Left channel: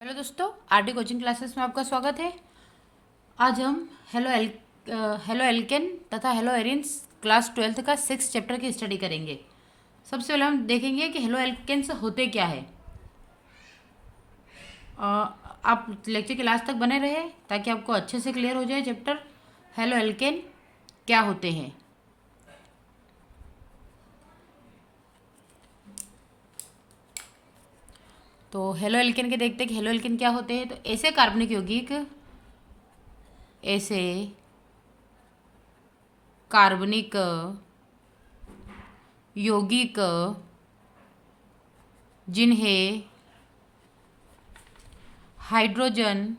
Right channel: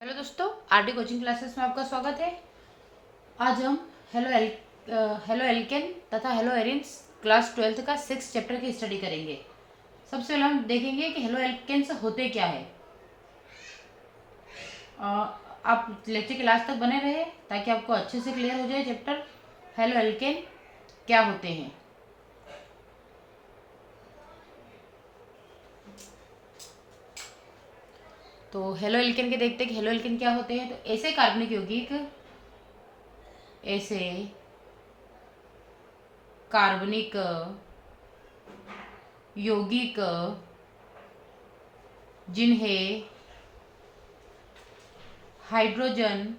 Hello दोस्तों, RD coaching classes में आपका स्वागत है। आज हम हेलो एल्केन तथा हेलो एरिन्स क्लास 12th का 6 चैप्टर की स्टडी करेंगे। सबसे पहले हम देखेंगे कि हेलो एल्केन्स होते क्या है। आप लेक्चर के लास्ट तक बने रहे ताकि आपको अच्छे से क्लियर हो जाए चैप्टर हेलो एल्केन क्या होते हैं। तो हेलो एल्केन के देखते हैं कि हेलो एल्केन क्या होते हैं। तो ऐसे कार्बनिक यौगिक ऐसे कार्बनिक यौगिक जिन्हें हाइड्रोजन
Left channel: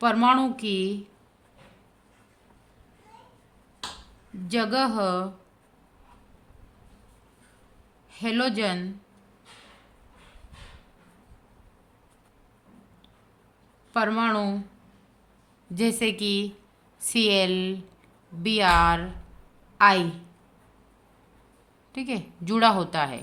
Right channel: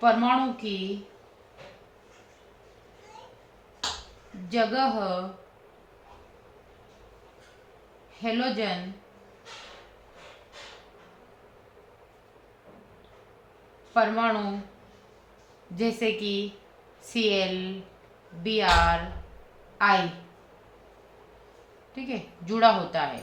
परमाणु की जगह हेलोजन परमाणु जैसे कि Cl, Br, I, ठीक है, जुड़ा होता है।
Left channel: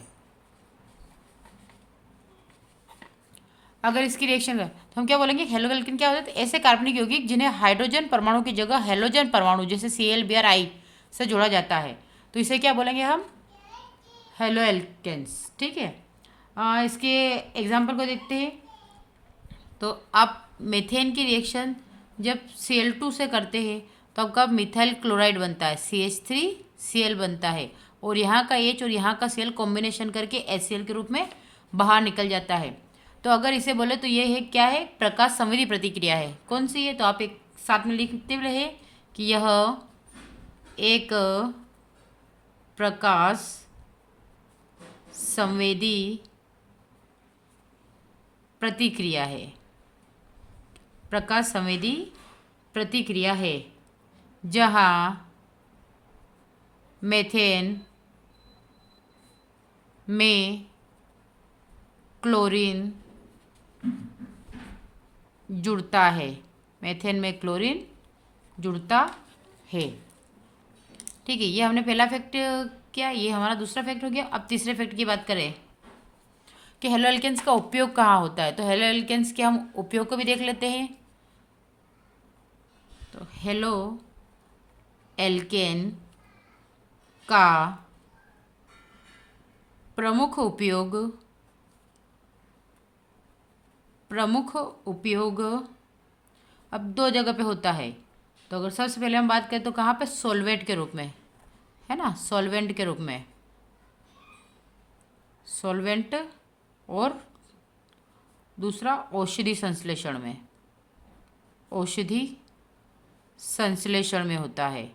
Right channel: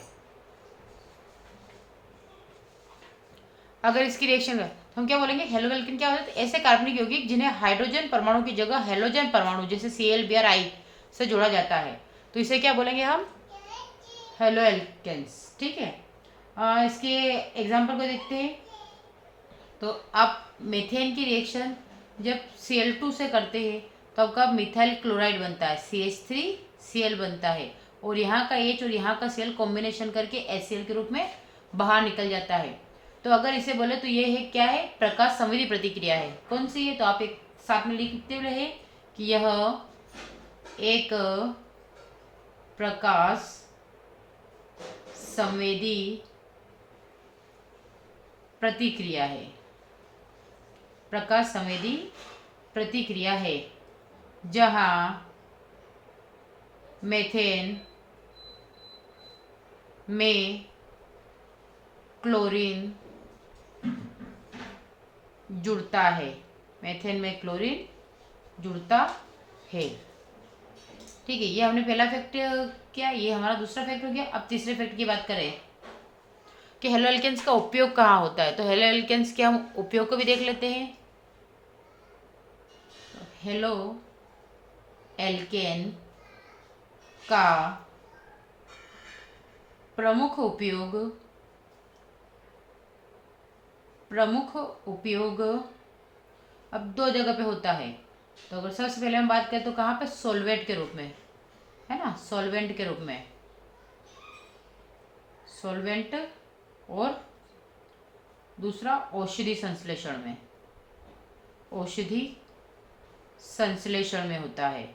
अगर इसकी रिएक्शन है तो हम क्या बोलेंगे, हेलो एल्केन क्या होता है। तो ऐसे कार्बनिक यौगिक जिन्हें हाइड्रोजन परमाणु की जगह हेलोजन परमाणु जैसे Cl, Br, I से जोड़ा जाता है, तो इसे क्या बोलेंगे हम, हेलो एल्केन्स। ठीक है, इसके एग्जाम्पल को देखते हैं। तो आप मेथेन की रिएक्शन जब Cl2 से करते हैं तो आपका मिथाइल क्लोराइड बनता है, CH3Cl बनता है, और यहाँ का H और यहाँ का Cl कॉम्बिनेशन करके HCl के रूप में बाहर निकल जाता है। तो अगर इसे बोले तो ये है क्या है, प्रकाश संवेदी प्रतिक्रिया है। कौन सी है, तो आप एक साथ में लिखते रहे कि यह एक प्रकाश संवेदी प्रतिक्रिया है। प्रकाश संवेदी प्रतिक्रिया है जहाँ मेथेन में क्लोरीन जुड़ता है। मेथेन में क्लोरीन जुड़ता है। ठीक है, ये हमने पहला फैक्ट किया, ये हमारा दूसरा फैक्ट हो गया। अब तीसरे फैक्ट की बात करें कि हेलो एल्केन्स का उपयोग कहाँ होता है, तो हेलो एल्केन्स के हम उपयोग को भी देख लेते हैं। तो हेलो एल्केन का प्रमुख उपयोग अब दो जगह पे होता है। तो अगर सबसे पहले हम बात करें तो कहाँ पे, सॉल्वेंट के रूप में, है ना, सॉल्वेंट के रूप में, सॉल्वेंट, और दूसरा औषधि संश्लेषण में, औषधि संश्लेषण में होता है।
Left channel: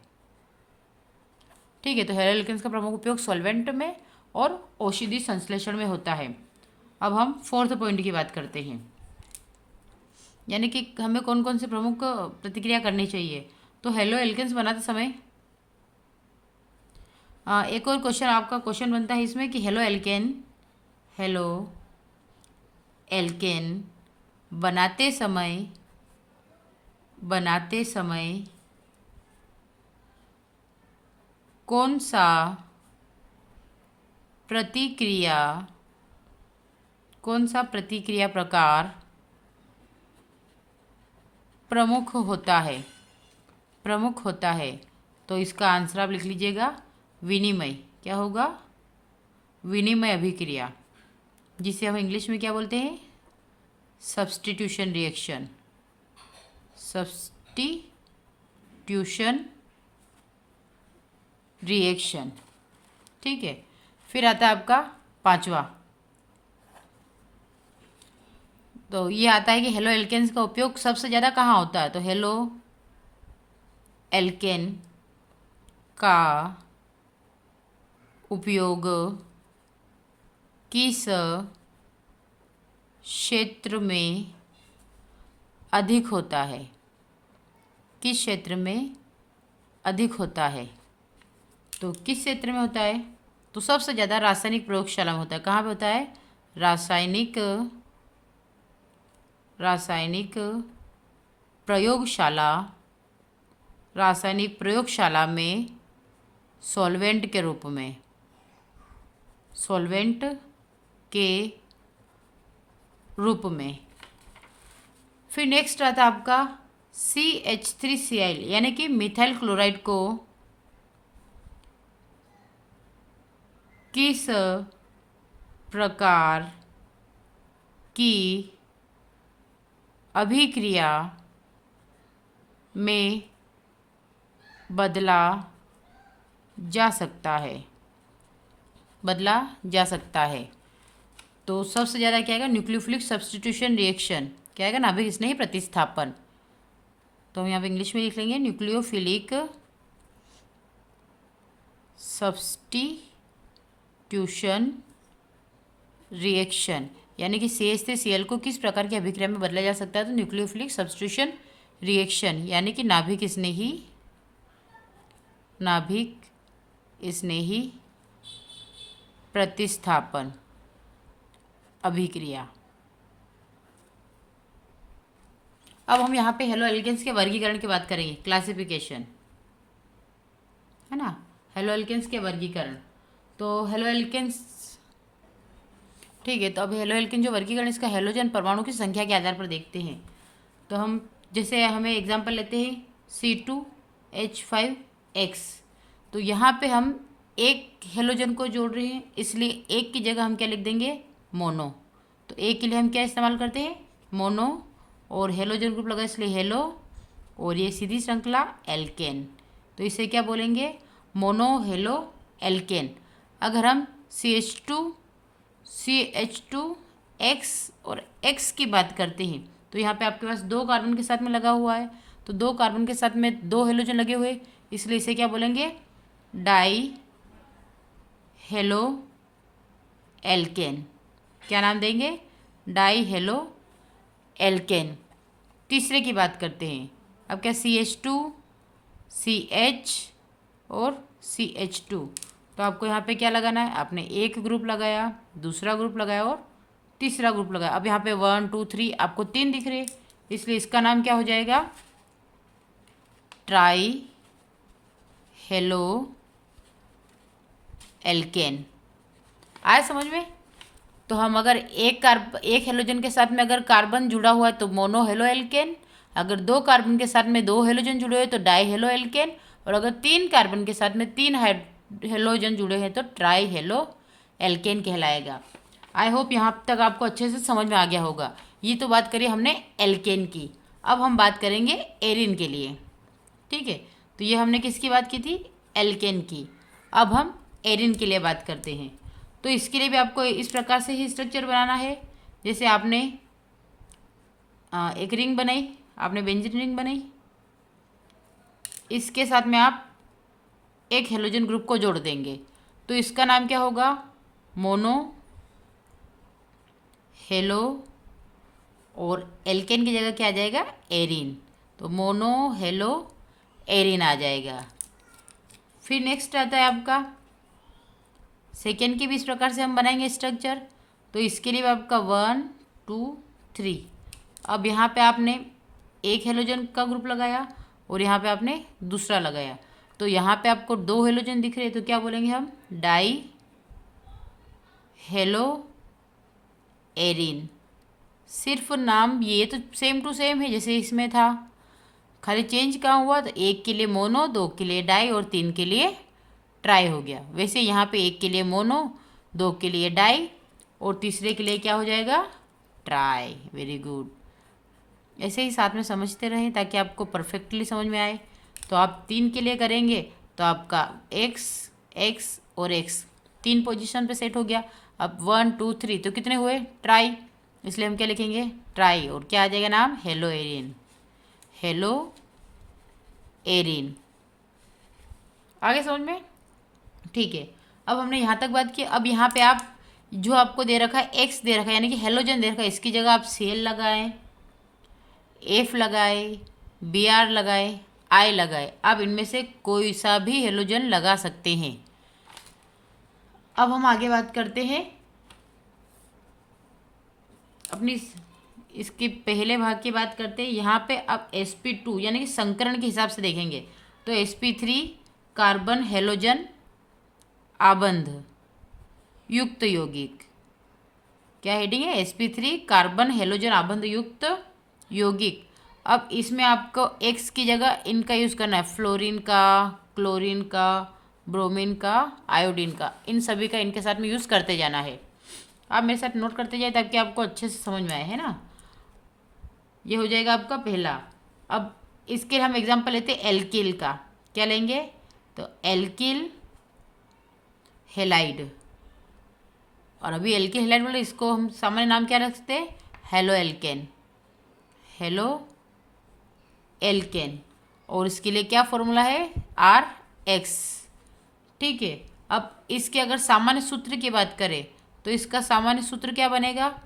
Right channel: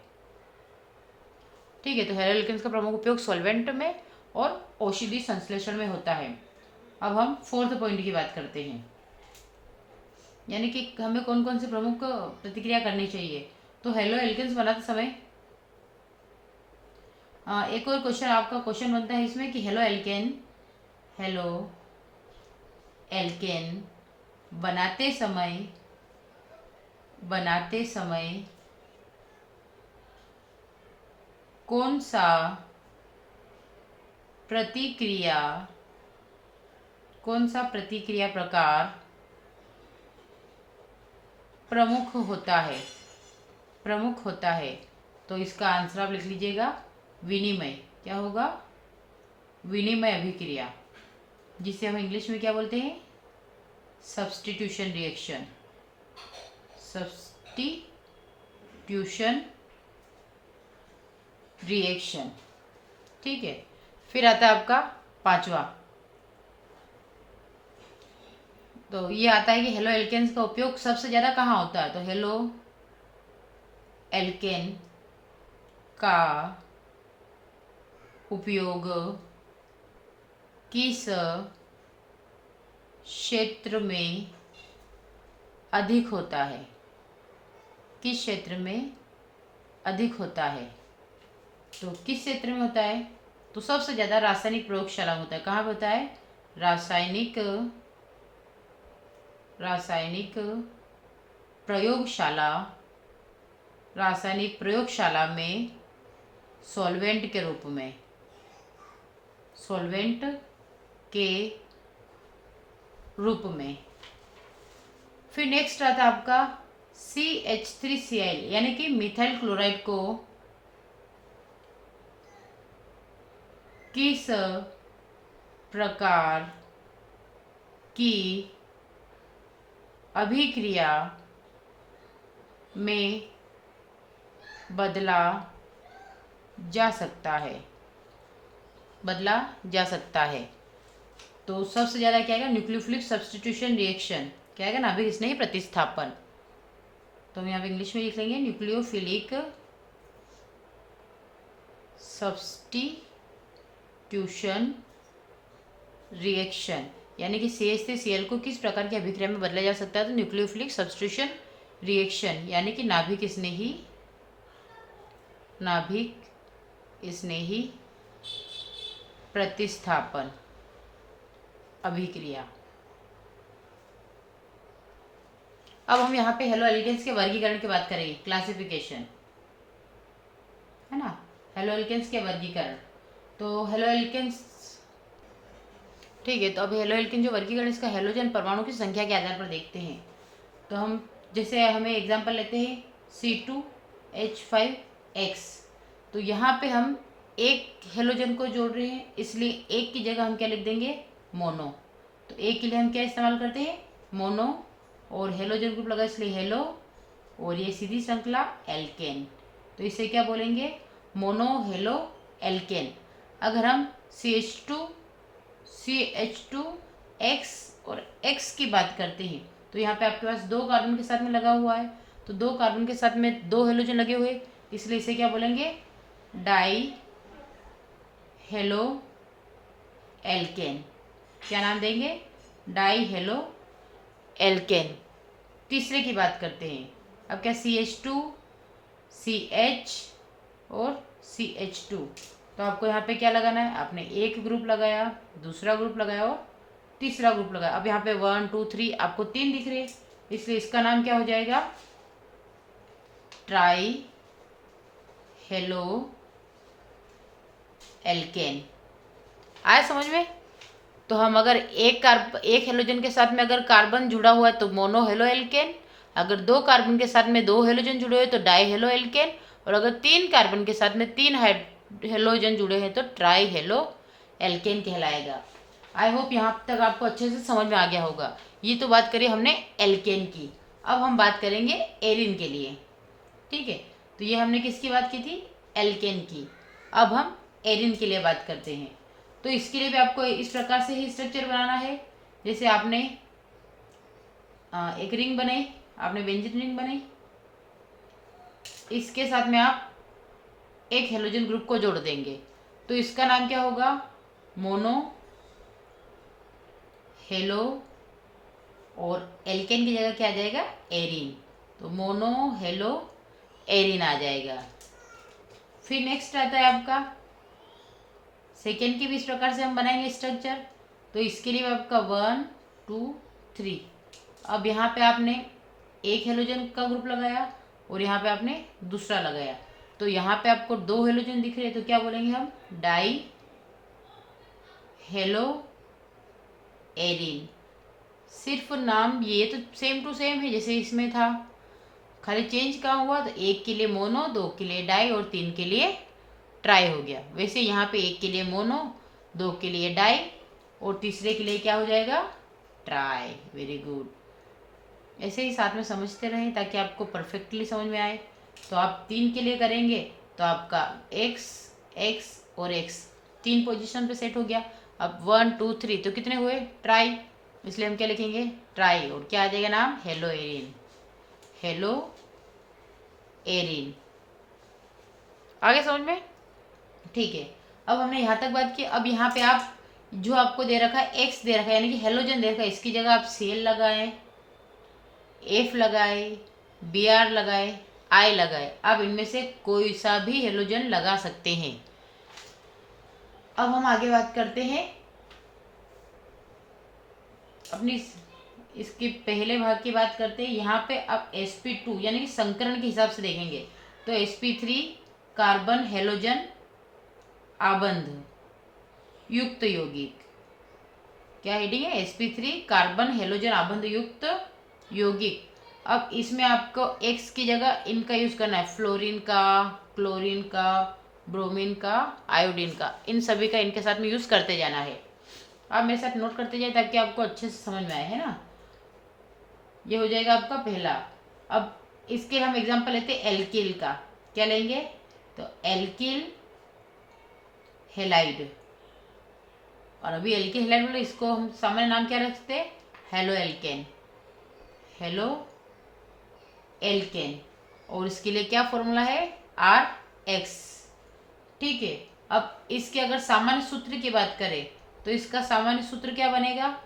ठीक है, तो हेलो एल्केन्स का प्रमुख उपयोग सॉल्वेंट में और औषधि संश्लेषण में होता है। अब हम फोर्थ पॉइंट की बात करते हैं, यानी कि हमें कौन कौन से प्रमुख प्रतिक्रिया करनी चाहिए। तो हेलो एल्केन्स बनाते समय एक और क्वेश्चन, आपका क्वेश्चन बनता है इसमें कि हेलो एल्केन बनाते समय कौन सा प्रतिक्रिया प्रकार प्रमुख होता है। तो इसका आंसर आप लिख लीजिएगा, विनिमय। क्या होगा, विनिमय अभिक्रिया, जिसे हम इंग्लिश में क्या बोलते हैं, सब्स्टिट्यूशन रिएक्शन। ठीक है, फिर आता है आपका पांचवा। तो ये आता है कि हेलो एल्केन्स का उपयोग सबसे ज़्यादा कहाँ होता है। तो हेलो एल्केन का उपयोग किस क्षेत्र में अधिक होता है, किस क्षेत्र में अधिक होता है। तो किस क्षेत्र में होता है, तो सबसे ज़्यादा रासायनिक प्रयोगशाला में होता है। कहाँ पे होता है, रासायनिक प्रयोगशाला में सॉल्वेंट के रूप में। फिर नेक्स्ट आता है आपका CH3Cl यानी कि मिथाइल क्लोराइड को किस प्रकार की अभिक्रिया में बदला जा सकता है। तो सबसे ज़्यादा क्या आएगा, न्यूक्लियोफिलिक सब्स्टिट्यूशन रिएक्शन क्या आएगा, नाभिक स्नेही प्रतिस्थापन। तो हम यहाँ पे इंग्लिश में लिख लेंगे न्यूक्लियोफिलिक सब्स्टिट्यूशन रिएक्शन, यानी कि CH3Cl को किस प्रकार की अभिक्रिया में बदला जा सकता है। तो न्यूक्लियोफिलिक सब्स्टिट्यूशन रिएक्शन यानी कि नाभिक स्नेही प्रतिस्थापन अभिक्रिया। अब हम यहाँ पे हेलो एल्केन्स के वर्गीकरण की बात करेंगे, क्लासिफिकेशन है ना, हेलो एल्केन्स के वर्गीकरण। तो हेलो एल्केन्स ठीक है, तो अब हेलो एल्केन जो वर्गीकरण इसका हेलोजन परमाणु की संख्या के आधार पर देखते हैं। तो हम जैसे हमें एग्जांपल लेते हैं C2H5X, तो यहाँ पे हम एक हेलोजन को जोड़ रहे हैं, इसलिए एक की जगह हम क्या लिख देंगे, मोनो। तो एक के लिए हम क्या इस्तेमाल करते हैं, मोनो, और हेलोजन ग्रुप लगा इसलिए हेलो, और ये सीधी श्रृंखला एल्केन। तो इसे क्या बोलेंगे, मोनो हेलो एल्केन। अगर हम CH2X और X की बात करते हैं, तो यहाँ पे आपके पास 2 कार्बन के साथ में लगा हुआ है, तो 2 कार्बन के साथ में 2 हेलोजन लगे हुए, इसलिए इसे क्या बोलेंगे, डाई हेलो एल्केन। क्या नाम देंगे, डाई हेलो एल्केन। तीसरे की बात करते हैं, अब क्या CH2 CH और CH2, तो आपको यहाँ पे क्या लगाना है, आपने एक ग्रुप लगाया, दूसरा ग्रुप लगाया और तीसरा ग्रुप लगाया। अब यहाँ पे 1 2 3 आपको 3 दिख रहे, इसलिए इसका नाम क्या हो जाएगा, ट्राई हेलो एल्केन। आया समझ में। तो हम अगर एक हेलोजन के साथ में अगर कार्बन जुड़ा हुआ है तो मोनो हेलो एल्केन, अगर 2 कार्बन के साथ में 2 हेलोजन जुड़े हुए तो डाई हेलो एल्केन, और अगर 3 कार्बन के साथ में 3 हेलोजन जुड़े हैं तो ट्राई हेलो एल्केन कहलाएगा। आई होप यहाँ तक आपको अच्छे से समझ में आ गया होगा। ये तो बात करिए हमने एल्केन की, अब हम बात करेंगे एरिन के लिए। ठीक है, तो ये हमने किसकी बात की थी, एल्केन की। अब हम एरिन के लिए बात करते हैं। तो इसके लिए भी आपको इस प्रकार से ही स्ट्रक्चर बनाना है, जैसे आपने एक रिंग बनाई, आपने बेंजीन रिंग बनाई, इसके साथ में आप एक हेलोजन ग्रुप को जोड़ देंगे, तो इसका नाम क्या होगा, मोनो हेलो, और एल्केन की जगह क्या आ जाएगा, एरिन। तो मोनो हेलो एरिन आ जाएगा। फिर नेक्स्ट आता है आपका सेकेंड की भी इस प्रकार से हम बनाएंगे स्ट्रक्चर। तो इसके लिए आपका 1 2 3, अब यहाँ पे आपने एक हेलोजन का ग्रुप लगाया और यहाँ पे आपने दूसरा लगाया, तो यहाँ पे आपको 2 हेलोजन दिख रहे हैं, तो क्या बोलेंगे हम, डाई हेलो एरिन। सिर्फ नाम ये तो सेम टू सेम है जैसे इसमें था, खाली चेंज कहाँ हुआ, तो एक के लिए मोनो, 2 के लिए डाई और 3 के लिए ट्राई हो गया। वैसे यहाँ पे एक के लिए मोनो, 2 के लिए डाई और तीसरे के लिए क्या हो जाएगा, ट्राई। Very good. ऐसे ही साथ में समझते रहें ताकि आपको परफेक्टली समझ में आए। तो आप 3 के लिए करेंगे तो आपका x x और x 3 पोजीशन पे सेट हो गया। अब 1 2 3 तो कितने हुए, ट्राई, इसलिए हम क्या लिखेंगे, ट्राई, और क्या आ जाएगा नाम, हेलो एरिन। हेलो एरिन, आगे समझ में। ठीक है, अब हमने यहाँ तक बात की। अब यहाँ पे आप जो आपको दे रखा है एक्स दे रखा है, यानी कि हेलोजन दे रखा है, इसकी जगह आप सेल लगाएं, एफ लगाए, बी आर लगाए, आई लगाए। आप इनमें से कोई सा भी हेलोजन लगा सकते हैं। अब हम आगे बात करते हैं अपनी इसके पहले भाग की बात करते हैं। यहाँ पे अब sp2 यानी कि संकरण के हिसाब से देखेंगे, तो sp3 कार्बन हेलोजन आबंध युक्त यौगिक, क्या हेडिंग है? sp3 कार्बन हेलोजन आबंध युक्त यौगिक। अब इसमें आपको एक्स की जगह इनका यूज़ करना है, फ्लोरीन का, क्लोरीन का, ब्रोमीन का, आयोडीन का, इन सभी का इनके साथ में यूज़ करते जाना है। आप मेरे साथ नोट करते जाए ताकि आपको अच्छे से समझ में आए, है ना। ये हो जाएगा आपका पहला। अब इसके हम एग्जांपल लेते हैं एल्किल का। क्या लेंगे? तो एल्किल हेलाइड। और अभी एल्किल हेलाइड बोले, इसको हम सामान्य नाम क्या रखते हैं? Halo alkane. Halo alkane. और इसके लिए क्या फॉर्मूला है? RX। ठीक है। अब इसके अगर सामान्य सूत्र की बात करें तो इसका सामान्य सूत्र क्या बनेगा?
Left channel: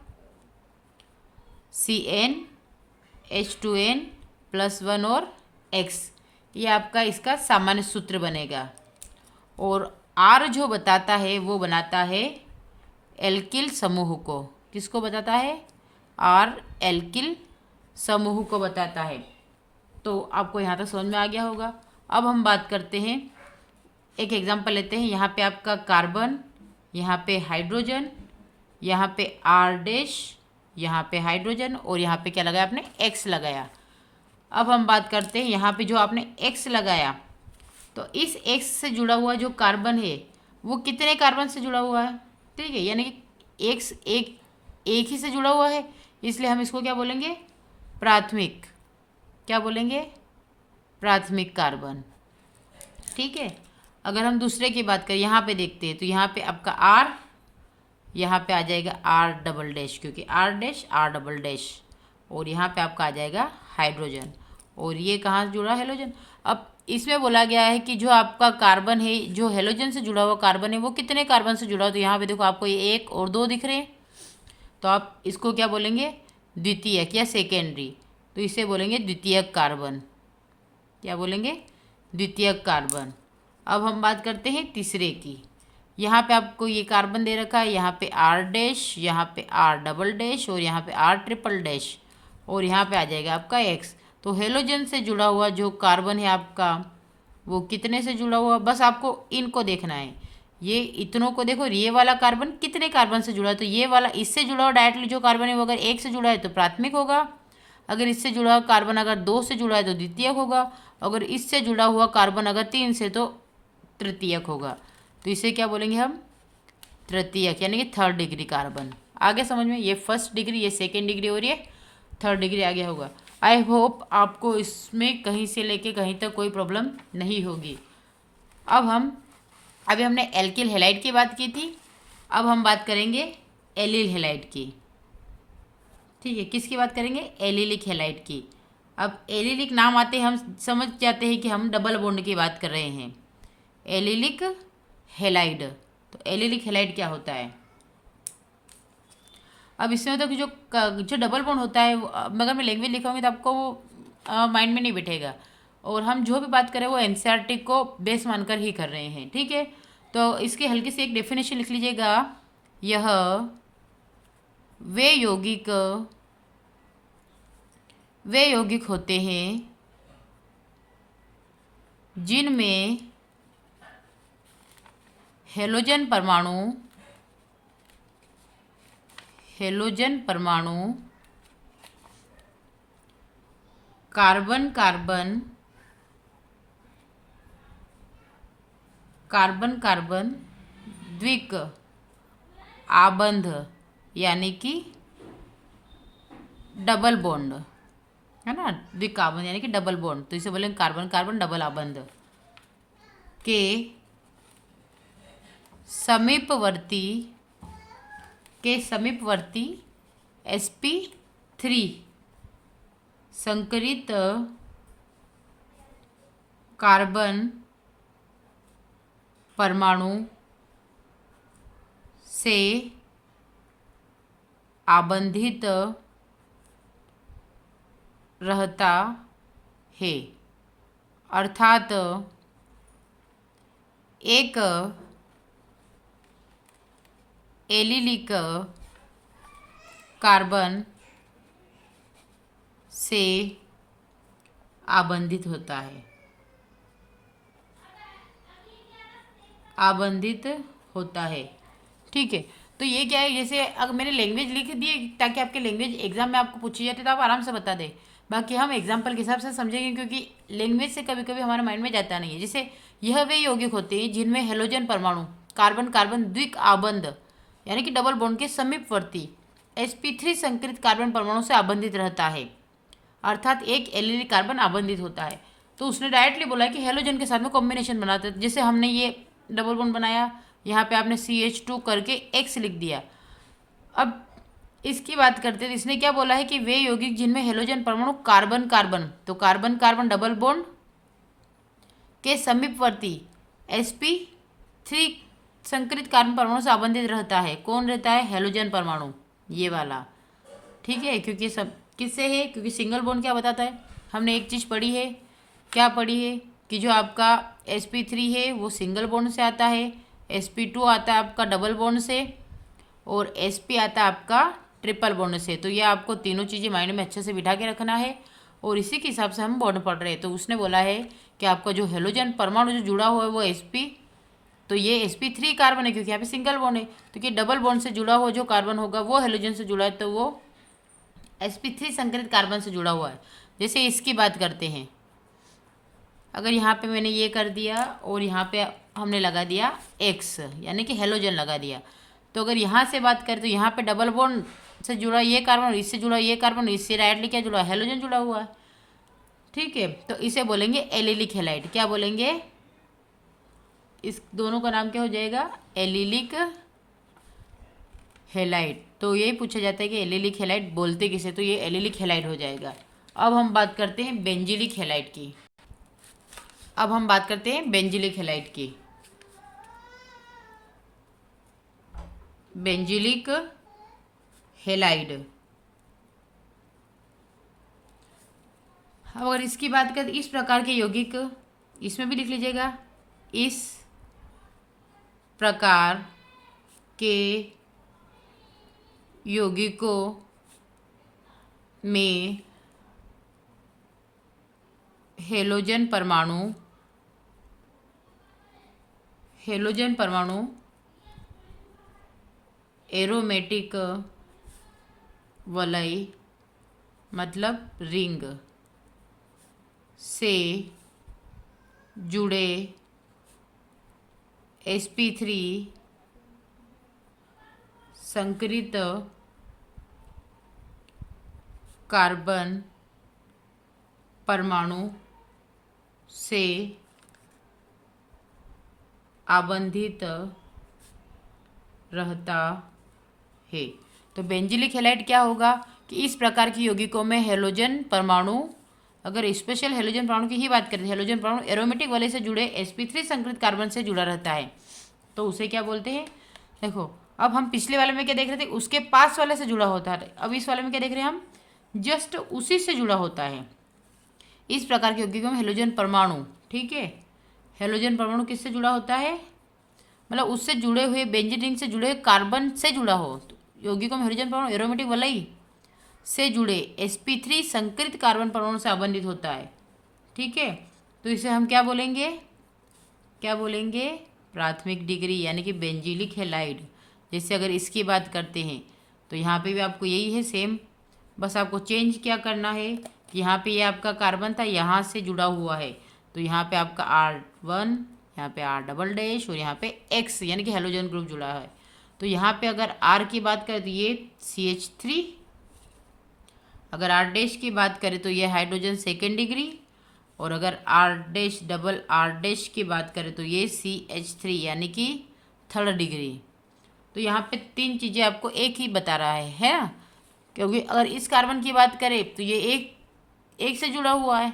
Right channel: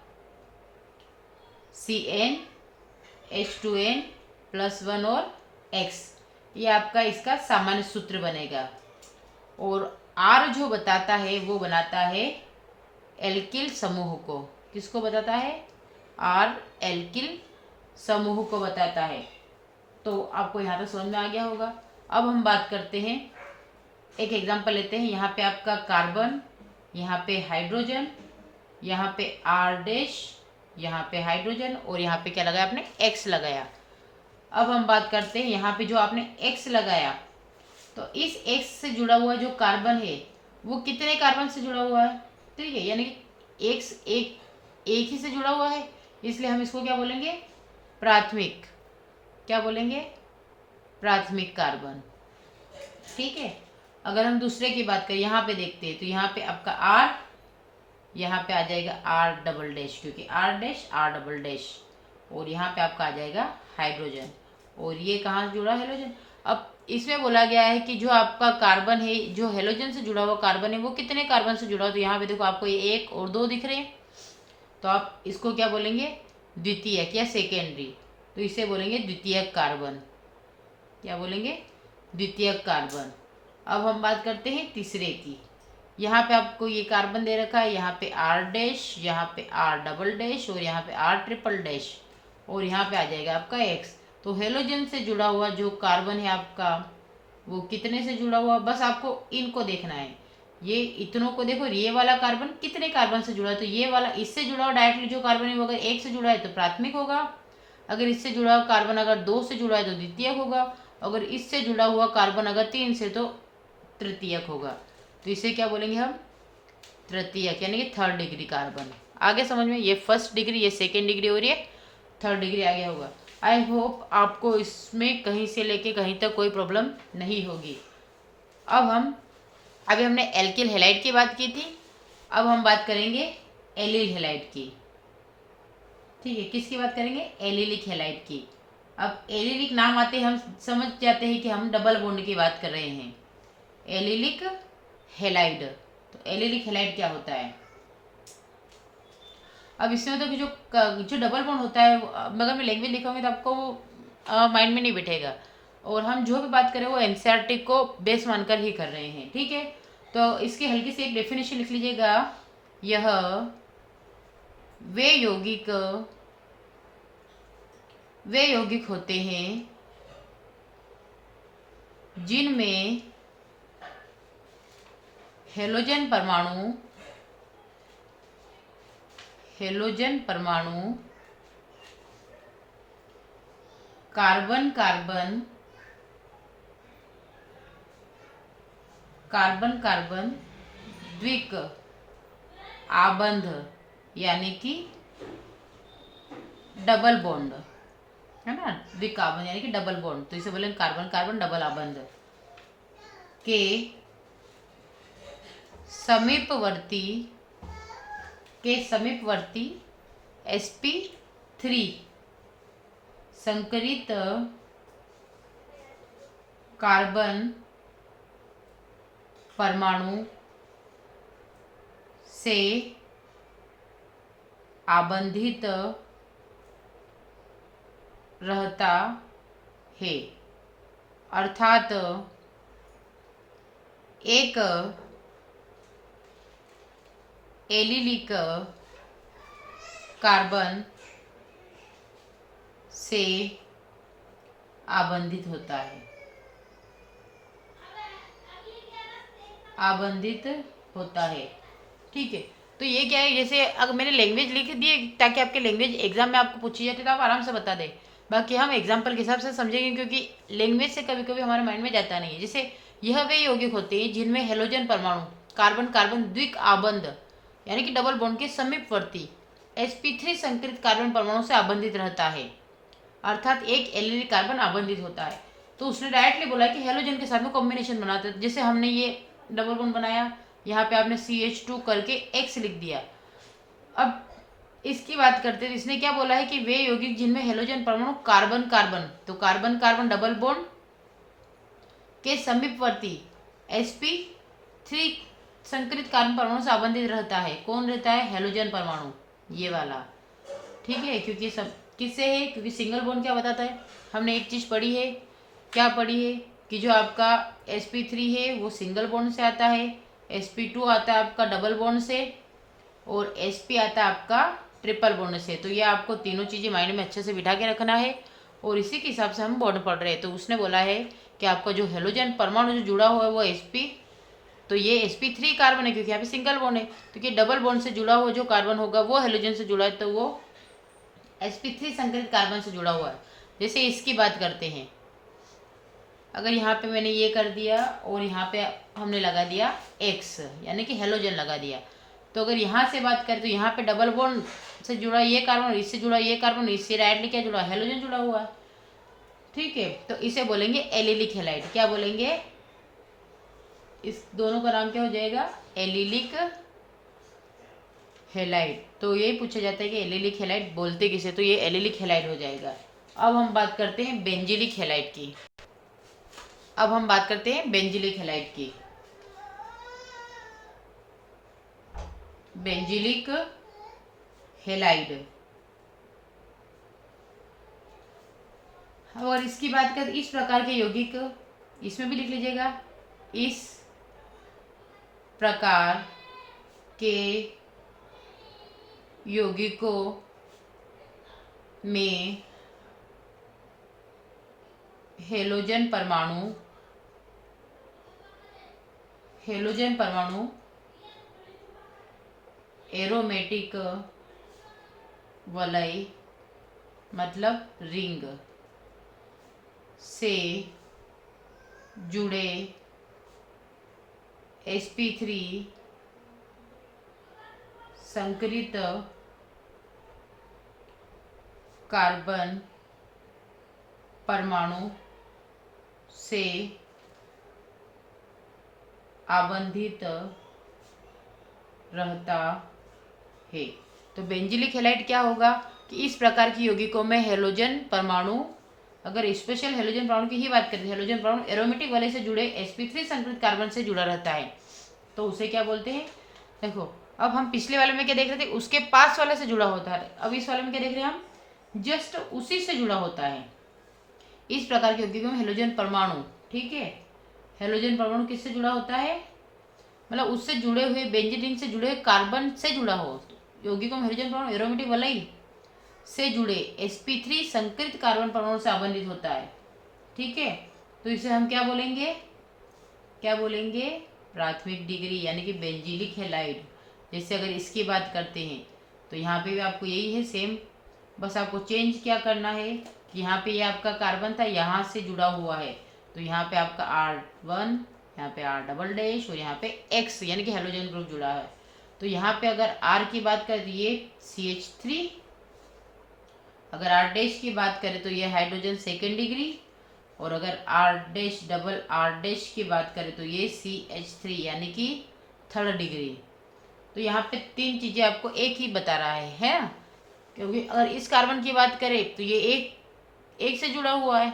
CnH2n+1 और X। ये आपका इसका सामान्य सूत्र बनेगा। और R जो बताता है वो बनाता है एल्किल समूह को। किसको बताता है? R एल्किल समूह को बताता है। तो आपको यहाँ तक समझ में आ गया होगा। अब हम बात करते हैं, एक एग्जांपल लेते हैं। यहाँ पे आपका कार्बन, यहाँ पे हाइड्रोजन, यहाँ पे R डैश, यहाँ पे हाइड्रोजन, और यहाँ पे क्या लगाया आपने? X लगाया। अब हम बात करते हैं, यहाँ पे जो आपने X लगाया, तो इस X से जुड़ा हुआ जो कार्बन है वो कितने कार्बन से जुड़ा हुआ है? ठीक है, यानी कि X एक ही से जुड़ा हुआ है, इसलिए हम इसको क्या बोलेंगे? प्राथमिक। क्या बोलेंगे? प्राथमिक कार्बन। ठीक है। अगर हम दूसरे की बात करें, यहाँ पे देखते हैं, तो यहाँ पे आपका R, यहाँ पे आ जाएगा R डबल डैश, क्योंकि R डैश, और यहाँ पे आपका आ जाएगा हाइड्रोजन। और ये कहाँ जुड़ा? हेलोजन। अब इसमें बोला गया है कि जो आपका कार्बन है, जो हेलोजन से जुड़ा हुआ कार्बन है, वो कितने कार्बन से जुड़ा हो? तो यहाँ पे देखो आपको ये 1 और 2 दिख रहे हैं, तो आप इसको क्या बोलेंगे? द्वितीयक या सेकेंडरी। तो इसे बोलेंगे द्वितीयक कार्बन। क्या बोलेंगे? द्वितीयक कार्बन। अब हम बात करते हैं तीसरे की। यहाँ पे आपको ये कार्बन दे रखा है, यहाँ पे R डैश, यहाँ पे R डबल डैश, और यहाँ पे R ट्रिपल डैश, और यहाँ पे आ जाएगा आपका X। तो हेलोजन से जुड़ा हुआ जो कार्बन है आपका, वो कितने से जुड़ा हुआ? बस आपको इनको देखना है, ये इतनों को देखो। ये वाला कार्बन कितने कार्बन से जुड़ा है? तो ये वाला इससे जुड़ा हुआ डायरेक्टली जो कार्बन है वो अगर 1 से जुड़ा है तो प्राथमिक होगा। अगर इससे जुड़ा हुआ कार्बन अगर 2 से जुड़ा है तो द्वितीयक होगा। अगर इससे जुड़ा हुआ कार्बन अगर 3 से तो तृतीयक होगा। तो इसे क्या बोलेंगे हम? तृतीयक, यानी कि थर्ड डिग्री कार्बन। आगे समझ में? ये फर्स्ट डिग्री, ये सेकेंड डिग्री, और ये थर्ड डिग्री आगे होगा। आई होप आपको इसमें कहीं से लेके कहीं तक कोई प्रॉब्लम नहीं होगी। अभी हमने एल्किल हेलाइड की बात की थी, अब हम बात करेंगे एलिल हेलाइड की। ठीक है, किसकी बात करेंगे? एलिलिक हेलाइड की। अब एलिलिक नाम आते हम समझ जाते हैं कि हम डबल बॉन्ड की बात कर रहे हैं। Allylic halide. तो एलिलिक हेलाइड क्या होता है? अब इसमें होता है कि जो डबल बॉन्ड होता है, अगर मैं लैंग्वेज लिखाऊंगी तो आपको वो माइंड में नहीं बैठेगा। और हम जो भी बात करें वो एनसीईआरटी को बेस मानकर ही कर रहे हैं। ठीक है, तो इसकी हल्की सी एक डेफिनेशन लिख लीजिएगा। यह वे यौगिक होते हैं जिनमें हेलोजन परमाणु कार्बन कार्बन द्विक आबंध, यानी कि डबल बॉन्ड, है ना। द्विक आबंध यानी कि डबल बॉन्ड, तो इसे बोलेंगे कार्बन कार्बन डबल आबंध के समीपवर्ती sp3 संकरित कार्बन परमाणु से आबंधित रहता है। अर्थात एक एलिलिक कार्बन से आबंधित होता है, ठीक है। तो ये क्या है, जैसे अगर मैंने लैंग्वेज लिख दी है ताकि आपके लैंग्वेज एग्जाम में आपको पूछी जाती है तो आप आराम से बता दें। बाकी हम एग्जाम्पल के हिसाब से समझेंगे, क्योंकि लैंग्वेज से कभी कभी हमारे माइंड में जाता नहीं है। जैसे यह वे यौगिक होते हैं जिनमें हेलोजन परमाणु कार्बन कार्बन द्विक आबंध यानी कि डबल बॉन्ड के समीपवर्ती sp3 संकरित कार्बन परमाणु से आबंधित रहता है, अर्थात एक एलिलिक कार्बन आबंधित होता है। तो उसने डायरेक्टली बोला है कि हेलोजन के साथ में कॉम्बिनेशन बनाते हैं। जैसे हमने ये डबल बॉन्ड बनाया, यहाँ पे आपने CH2 करके X लिख दिया। अब इसकी बात करते हैं, तो इसने क्या बोला है कि वे यौगिक जिनमें हेलोजन परमाणु कार्बन कार्बन, तो कार्बन कार्बन डबल बॉन्ड के समीपवर्ती sp3 संकरित कार्बन परमाणु से आबंधित रहता है। कौन रहता है? हेलोजन परमाणु, ये वाला। ठीक है, क्योंकि सब किससे है? क्योंकि सिंगल बॉन्ड क्या बताता है? हमने एक चीज़ पढ़ी है, क्या पढ़ी है कि जो आपका sp3 है वो सिंगल बॉन्ड से आता है, sp2 आता है आपका डबल बॉन्ड से, और sp आता है आपका ट्रिपल बॉन्ड से। तो ये आपको तीनों चीज़ें माइंड में अच्छे से बिठा के रखना है, और इसी के हिसाब से हम बॉन्ड पढ़ रहे हैं। तो उसने बोला है कि आपका जो हेलोजन परमाणु जो जुड़ा हुआ है वो sp, तो ये sp3 कार्बन है क्योंकि यहाँ पे सिंगल बॉन्ड है, तो कि डबल बॉन्ड से जुड़ा हुआ जो कार्बन होगा वो हेलोजन से जुड़ा है, तो वो sp3 संकरित कार्बन से जुड़ा हुआ है। जैसे इसकी बात करते हैं, अगर यहाँ पे मैंने ये कर दिया और यहाँ पे हमने लगा दिया X यानी कि हेलोजन लगा दिया, तो अगर यहाँ से बात करें तो यहाँ पे डबल बॉन्ड से जुड़ा ये कार्बन, इससे जुड़ा ये कार्बन, इससे डायरेक्टली क्या जुड़ा? हेलोजन जुड़ा हुआ है। ठीक है, तो इसे बोलेंगे एलिलिक हेलाइड। क्या बोलेंगे? इस दोनों का नाम क्या हो जाएगा? Allylic halide. तो यही पूछा जाता है कि एलिलिक हेलाइड बोलते किसे, तो ये एलिलिक हेलाइड हो जाएगा। अब हम बात करते हैं बेंजिलिक हेलाइड की। अब हम बात करते हैं बेंजिलिक हेलाइड की। बेंजिलिक हेलाइड, और इसकी बात करें, इस प्रकार के यौगिक, इसमें भी लिख लीजिएगा, इस प्रकार के यौगिकों में हेलोजन परमाणु एरोमेटिक वलय मतलब रिंग से जुड़े sp3 संकरित कार्बन परमाणु से आबंधित रहता है। तो बेंजिलिक हेलाइड क्या होगा कि इस प्रकार की यौगिकों में हेलोजन परमाणु, अगर स्पेशल हेलोजन परमाणु की ही बात करें, हेलोजन परमाणु एरोमेटिक वलय से जुड़े sp3 संकरित कार्बन से जुड़ा रहता है, तो उसे क्या बोलते हैं? देखो, अब हम पिछले वाले में क्या देख रहे थे? उसके पास वाले से जुड़ा होता है। अब इस वाले में क्या देख रहे हैं हम? जस्ट उसी से जुड़ा होता है। इस प्रकार के यौगिकों में हेलोजन परमाणु, ठीक है, हेलोजन परमाणु किससे जुड़ा होता है? मतलब उससे जुड़े हुए बेंजीन रिंग से जुड़े हुए कार्बन से जुड़ा हो। तो यौगिकों में हेलोजन परमाणु एरोमेटिक वलय से जुड़े sp3 संकरित कार्बन परमाणु से आबंधित होता है। ठीक है, तो इसे हम क्या बोलेंगे? क्या बोलेंगे? प्राथमिक डिग्री यानी कि बेंजिलिक हेलाइड। जैसे अगर इसकी बात करते हैं तो यहाँ पे भी आपको यही है सेम, बस आपको चेंज क्या करना है, यहाँ पे ये आपका कार्बन था, यहाँ से जुड़ा हुआ है, तो यहाँ पे आपका R1, यहाँ पे R डबल डैश और यहाँ पे X यानी कि हेलोजन ग्रुप जुड़ा है। तो यहाँ पे अगर R की बात करें तो ये CH3, अगर R डैश की बात करें तो ये हाइड्रोजन सेकेंड डिग्री, और अगर R dash double R dash की बात करें तो ये CH3 यानी कि थर्ड डिग्री। तो यहाँ पे तीन चीज़ें आपको एक ही बता रहा है ना? क्योंकि अगर इस कार्बन की बात करें तो ये एक से जुड़ा हुआ है,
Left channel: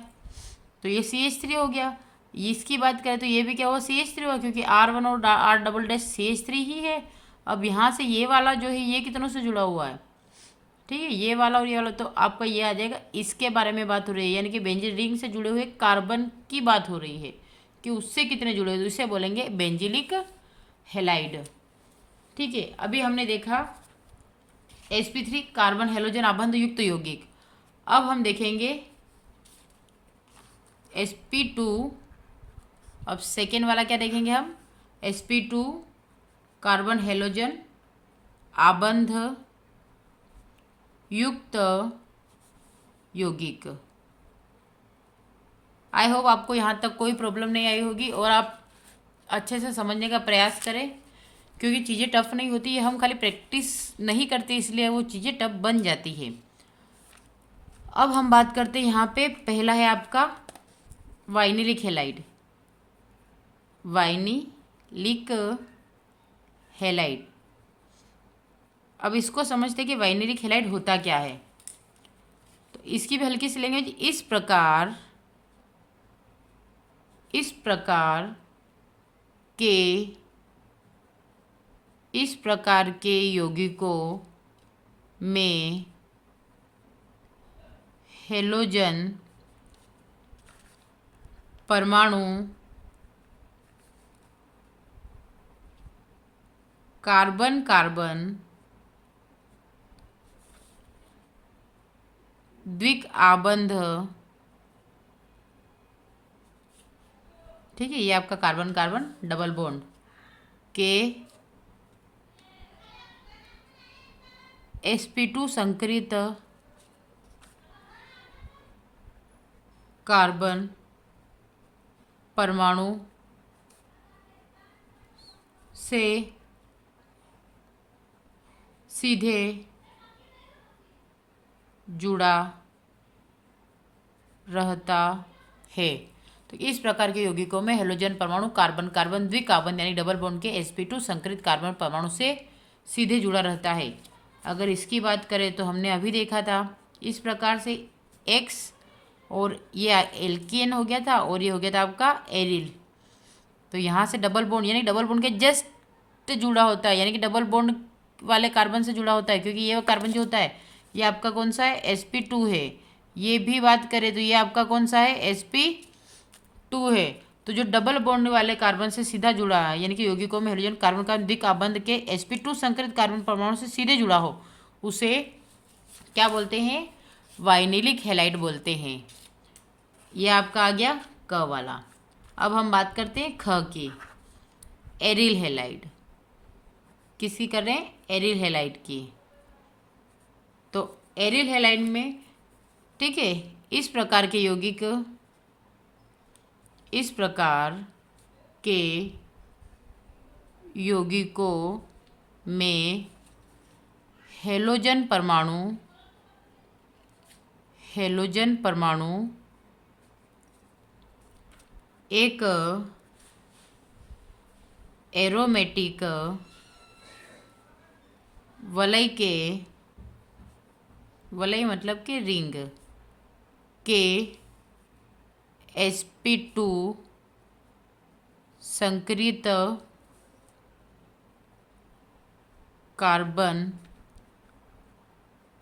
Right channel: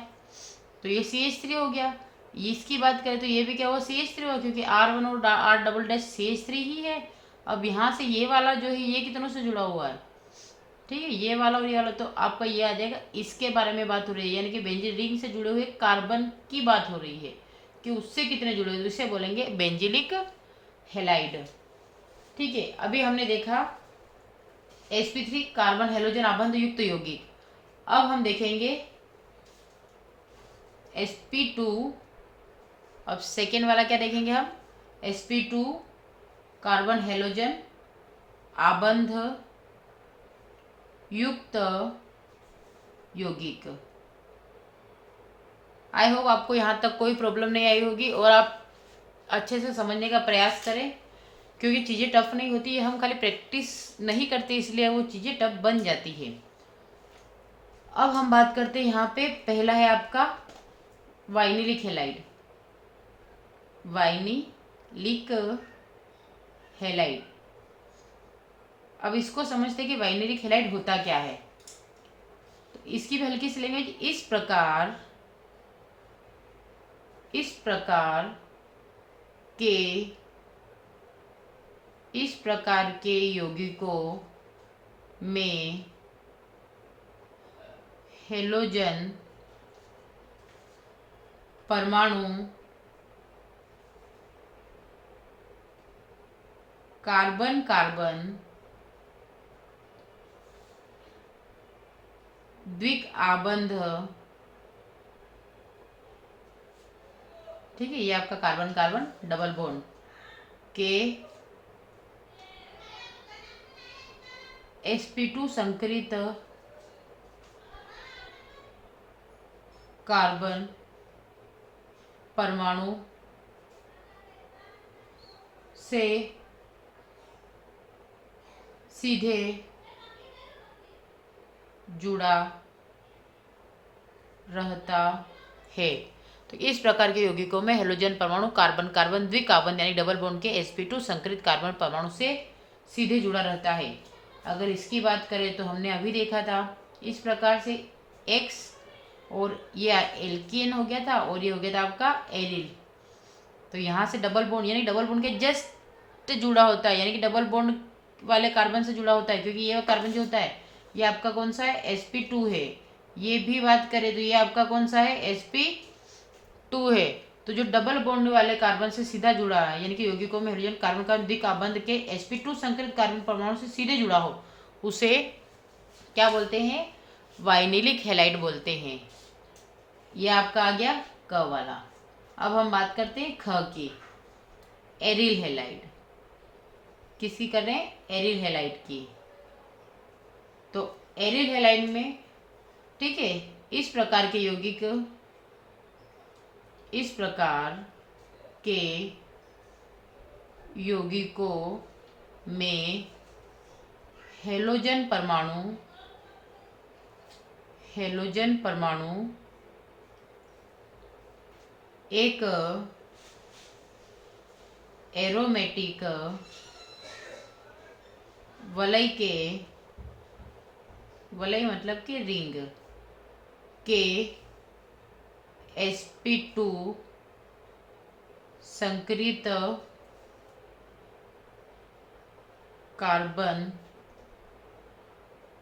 तो ये CH3 हो गया। इसकी बात करें तो ये भी क्या हुआ? CH3 हुआ, क्योंकि R1 और R डबल डैश CH3 ही है। अब यहाँ से ये वाला जो है ये कितनों से जुड़ा हुआ है? ठीक है, ये वाला और ये वाला, तो आपका ये आ जाएगा। इसके बारे में बात हो रही है, यानी कि बेंजीन रिंग से जुड़े हुए कार्बन की बात हो रही है कि उससे कितने जुड़े हुए, तो इसे बोलेंगे बेंजिलिक हेलाइड। ठीक है, अभी हमने देखा sp3 कार्बन हेलोजन आबंध युक्त यौगिक। अब हम देखेंगे sp2। अब सेकेंड वाला क्या देखेंगे हम? sp2 कार्बन हेलोजन आबंध युक्त यौगिक। आई होप आपको यहाँ तक कोई प्रॉब्लम नहीं आई होगी और आप अच्छे से समझने का प्रयास करें, क्योंकि चीज़ें टफ नहीं होती है, हम खाली प्रैक्टिस नहीं करते इसलिए वो चीज़ें टफ बन जाती है। अब हम बात करते हैं यहाँ पे, पहला है आपका वाइनिलिक हैलाइड। वाइनिलिक हैलाइड, अब इसको समझते कि वाइनिलिक हैलाइड होता क्या है। तो इसकी भी हल्की सी लेंगे। इस प्रकार के यौगिकों में हेलोजन परमाणु कार्बन कार्बन द्विक आबंध, ठीक है, ये आपका कार्बन कार्बन डबल बॉन्ड के sp2 संकरित कार्बन परमाणु से सीधे जुड़ा रहता है। तो इस प्रकार के यौगिकों में हेलोजन परमाणु कार्बन कार्बन द्विकार्बन यानी डबल बॉन्ड के sp2 संकरित कार्बन परमाणु से सीधे जुड़ा रहता है। अगर इसकी बात करें तो हमने अभी देखा था इस प्रकार से X, और ये एल्केन हो गया था और ये हो गया था आपका एरिल। तो यहाँ से डबल बॉन्ड यानी डबल बॉन्ड के जस्ट जुड़ा होता है, यानी कि डबल बॉन्ड वाले कार्बन से जुड़ा होता है, क्योंकि ये कार्बन जो होता है ये आपका कौन सा है, sp2 है। ये भी बात करें तो ये आपका कौन सा है, sp2 है। तो जो डबल बॉन्ड वाले कार्बन से सीधा जुड़ा है, यानी कि यौगिकों में हाइड्रोजन कार्बन का द्विकाबंध के sp2 संकरित कार्बन परमाणु से सीधे जुड़ा हो, उसे क्या बोलते हैं, वाइनिलिक हैलाइड बोलते हैं। ये आपका आ गया क वाला। अब हम बात करते हैं ख की, एरिल हैलाइड। किसकी कर रहे हैं, एरिल हैलाइड की। तो एरिल हैलाइड में, ठीक है, इस प्रकार के यौगिकों में हेलोजन परमाणु एक एरोमेटिक वलय मतलब कि रिंग के sp2 संकरित कार्बन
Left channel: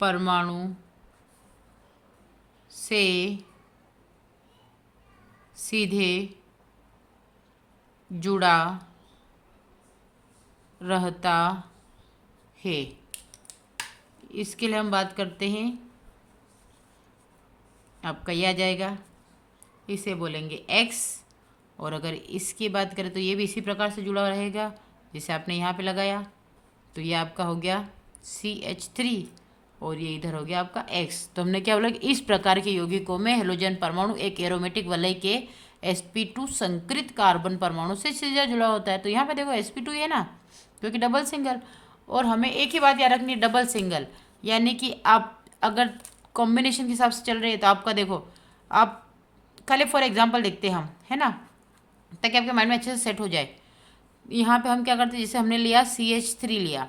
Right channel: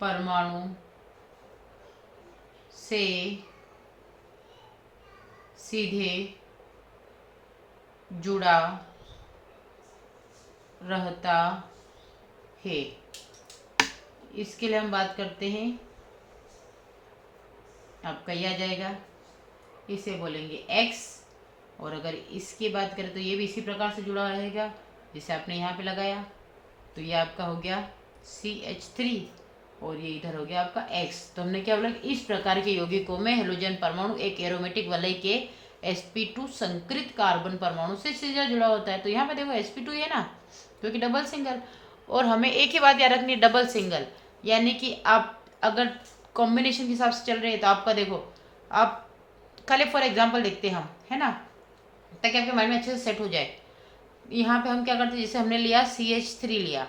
परमाणु से सीधे जुड़ा रहता है। इसके लिए हम बात करते हैं, आपका ये आ जाएगा, इसे बोलेंगे X। और अगर इसकी बात करें तो ये भी इसी प्रकार से जुड़ा रहेगा जिसे आपने यहाँ पे लगाया। तो ये आपका हो गया CH3 और ये इधर हो गया आपका X। तो हमने क्या बोला कि इस प्रकार के यौगिकों में हेलोजन परमाणु एक एरोमेटिक वलय के sp2 संकरित कार्बन परमाणु से सीधा जुड़ा होता है। तो यहाँ पे देखो sp2 है ना, क्योंकि डबल सिंगल। और हमें एक ही बात याद रखनी है, डबल सिंगल, यानी कि आप अगर कॉम्बिनेशन के हिसाब से चल रहे हैं तो आपका देखो, आप खाली फॉर एग्जांपल देखते हैं हम, है ना, ताकि आपके माइंड में अच्छे से सेट हो जाए। यहाँ पे हम क्या करते हैं, जैसे हमने लिया CH3 लिया,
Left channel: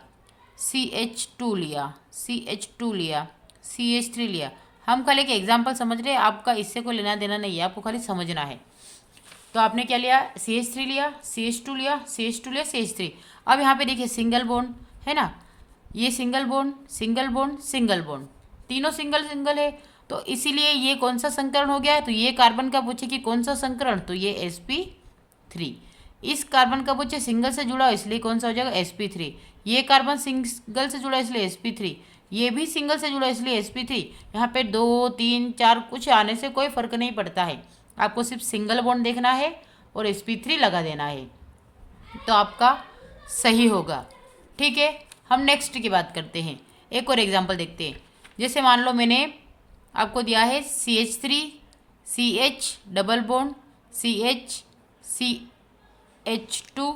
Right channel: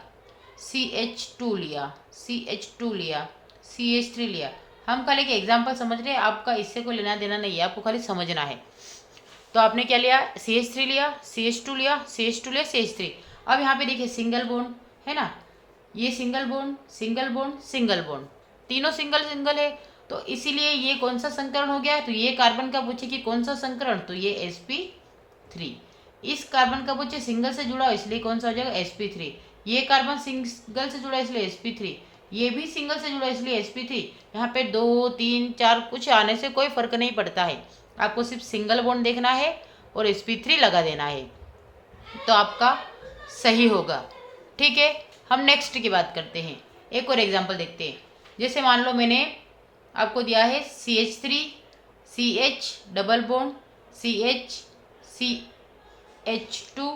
CH2 लिया, CH2 लिया, CH3 लिया, हम खाली एक एग्जाम्पल समझ रहे हैं, आपका इससे कोई लेना देना नहीं है, आपको खाली समझना है। तो आपने क्या लिया, CH3 लिया, CH2 लिया, CH2 लिया, CH3। अब यहाँ पे देखिए सिंगल बॉन्ड है ना, ये single bond single bond single bond, तीनों सिंगल सिंगल है। तो इसीलिए ये कौन सा संकरण हो गया है, तो ये कार्बन का पूछे कि कौन सा संकरण, तो ये sp3। इस कार्बन का पूछे सिंगल से जुड़ा, इसलिए कौन सा हो जाएगा, sp3। ये कार्बन सिंगल से जुड़ा इसलिए sp3, ये भी सिंगल से जुड़ा इसलिए sp3। यहाँ पे 2 3 4 कुछ आने से कोई फर्क नहीं पड़ता है, आपको सिर्फ सिंगल बॉन्ड देखना है और sp3 लगा देना है, तो आपका सही होगा। ठीक है, हम नेक्स्ट की बात करते हैं, एक और एग्जांपल देखते हैं। जैसे मान लो मैंने आपको दिया है CH3 CH double bond CH CH2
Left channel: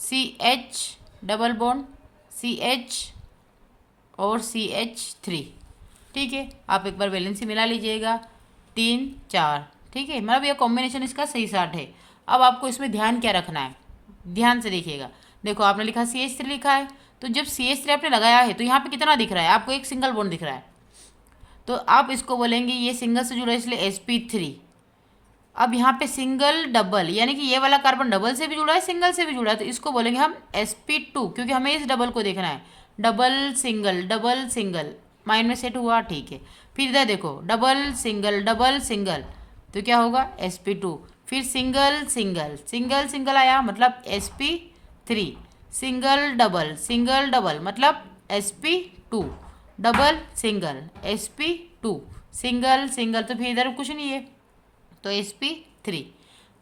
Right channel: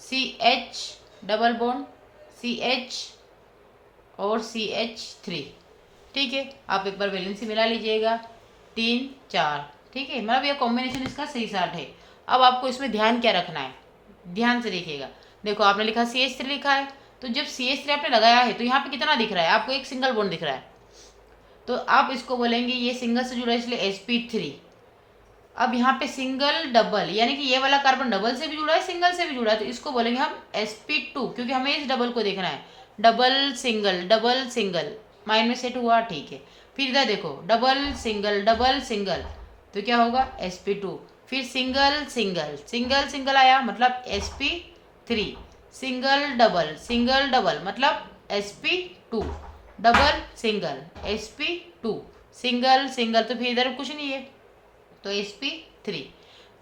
CH double bond CH और CH3। ठीक है, आप एक बार वैलेंसी मिला लीजिएगा, 3 4। ठीक है, मतलब यह कॉम्बिनेशन इसका सही साठ है। अब आपको इसमें ध्यान क्या रखना है, ध्यान से देखिएगा। देखो आपने लिखा CH3 लिखा है, तो जब CH3 आपने लगाया है तो यहाँ पे कितना दिख रहा है आपको, एक सिंगल बॉन्ड दिख रहा है, तो आप इसको बोलेंगे ये सिंगल से जुड़ा है इसलिए sp3। अब यहाँ पे सिंगल डबल, यानी कि ये वाला कार्बन डबल से भी जुड़ा है सिंगल से भी जुड़ा है, तो इसको बोलेंगे हम sp2, क्योंकि हमें इस डबल को देखना है। डबल सिंगल माइंड में सेट हुआ, ठीक है। फिर इधर देखो डबल सिंगल, तो क्या होगा sp2। फिर सिंगल सिंगल आया मतलब sp3। सिंगल डबल मतलब sp2। Double single sp2। Single तो फिर इधर कुछ नहीं है तो sp3।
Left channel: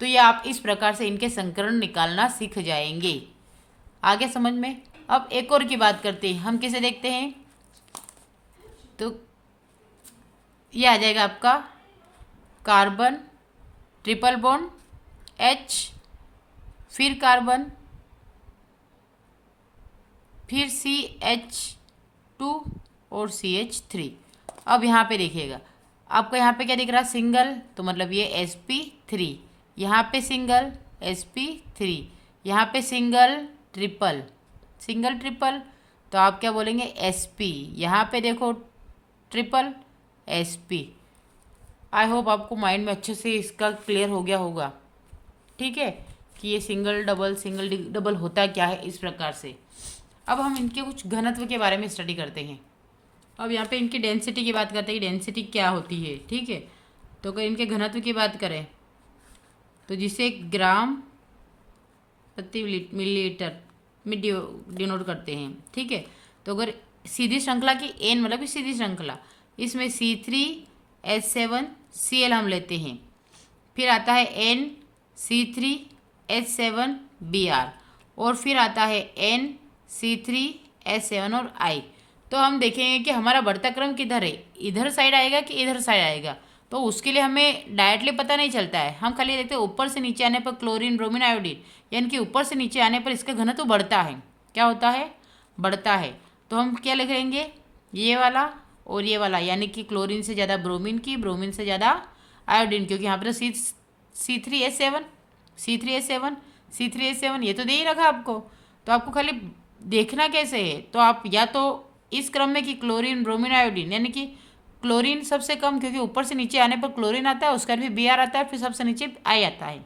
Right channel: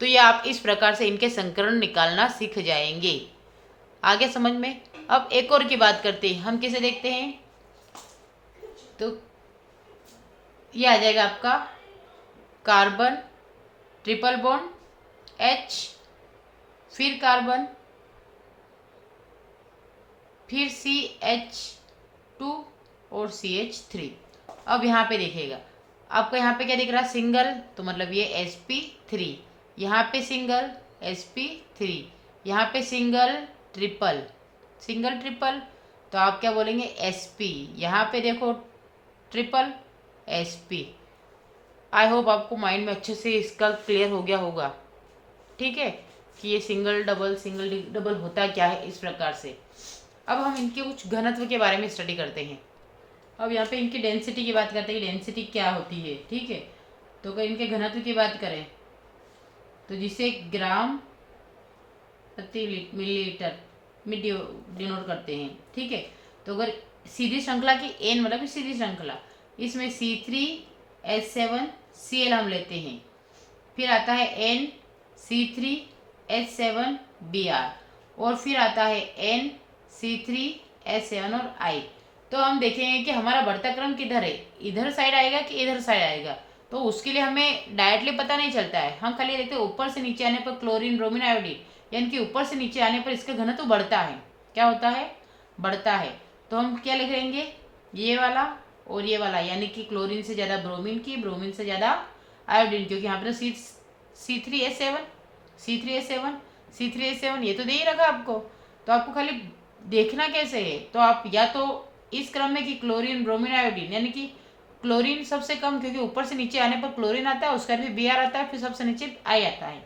तो ये आप इस प्रकार से इनके संकरण निकालना सीख जाएंगे, आगे समझ में। अब एक और की बात करते हैं, हम किसे देखते हैं, तो ये आ जाएगा आपका कार्बन ट्रिपल बॉन्ड H, फिर कार्बन, फिर CH2 और CH3। अब यहाँ पे देखिएगा आपको, यहाँ पे क्या दिख रहा है, सिंगल, तो मतलब ये sp3। यहाँ पे सिंगल sp3, यहाँ पे सिंगल ट्रिपल, तो आप क्या बोलेंगे sp। यहाँ पे देखो ट्रिपल sp। आई होप आपको माइंड में अच्छे से इसका क्लियर हो गया होगा, ठीक है, कि ये सिंगल डबल होता क्या है इस प्रकार से। अब हम इनके कुछ घनत्व के बारे में स्टडी करते हैं। अब यहाँ पे इनकी डेंसिटी की बात करते हैं, डेंसिटी क्या होती है, ठीक है। तो अगर इनके घनत्व की बात करें तो जिसे ग्राम प्रति मिलीलीटर में डिनोट करते हैं, ठीक है। तो अगर सीधी श्रृंखला की एन मतलब सीधी श्रृंखला, इसमें C3H7Cl हम लेते हैं, फिर आता है NC3H7Br, और फिर आता है NC3H7 और I। तो हम देखेंगे कि हमारा बढ़ता क्रम किधर है, इधर साइड आएगा कि इधर साइड आएगा, तो उसके लिए हमें डायरेक्टली पता नहीं चलता है। हम खाली देखते हैं ऊपर से नीचे आने पर क्लोरीन ब्रोमीन आयोडीन, यानी कि ऊपर से नीचे आने पर इसका घनत्व बढ़ता है। क्या होता है, बढ़ता है। तो हम क्या लिख लेंगे, ये वाला और ये वाला, यानी कि क्लोरीन से ज़्यादा ब्रोमीन की, ब्रोमीन से ज़्यादा आयोडीन, क्योंकि यहाँ पर तो C3H7 ये तो दे ही रखा आपको। तो आपको खाली देखना कैसे है, तो आप या तो इस क्रम में कि क्लोरीन ब्रोमीन आयोडीन, यानी कि क्लोरीन सबसे कम, क्योंकि ऊपर से नीचे आने पर क्लोरीन आता है, उसका भी Br आता है, फिर सबसे नीचे I आता है।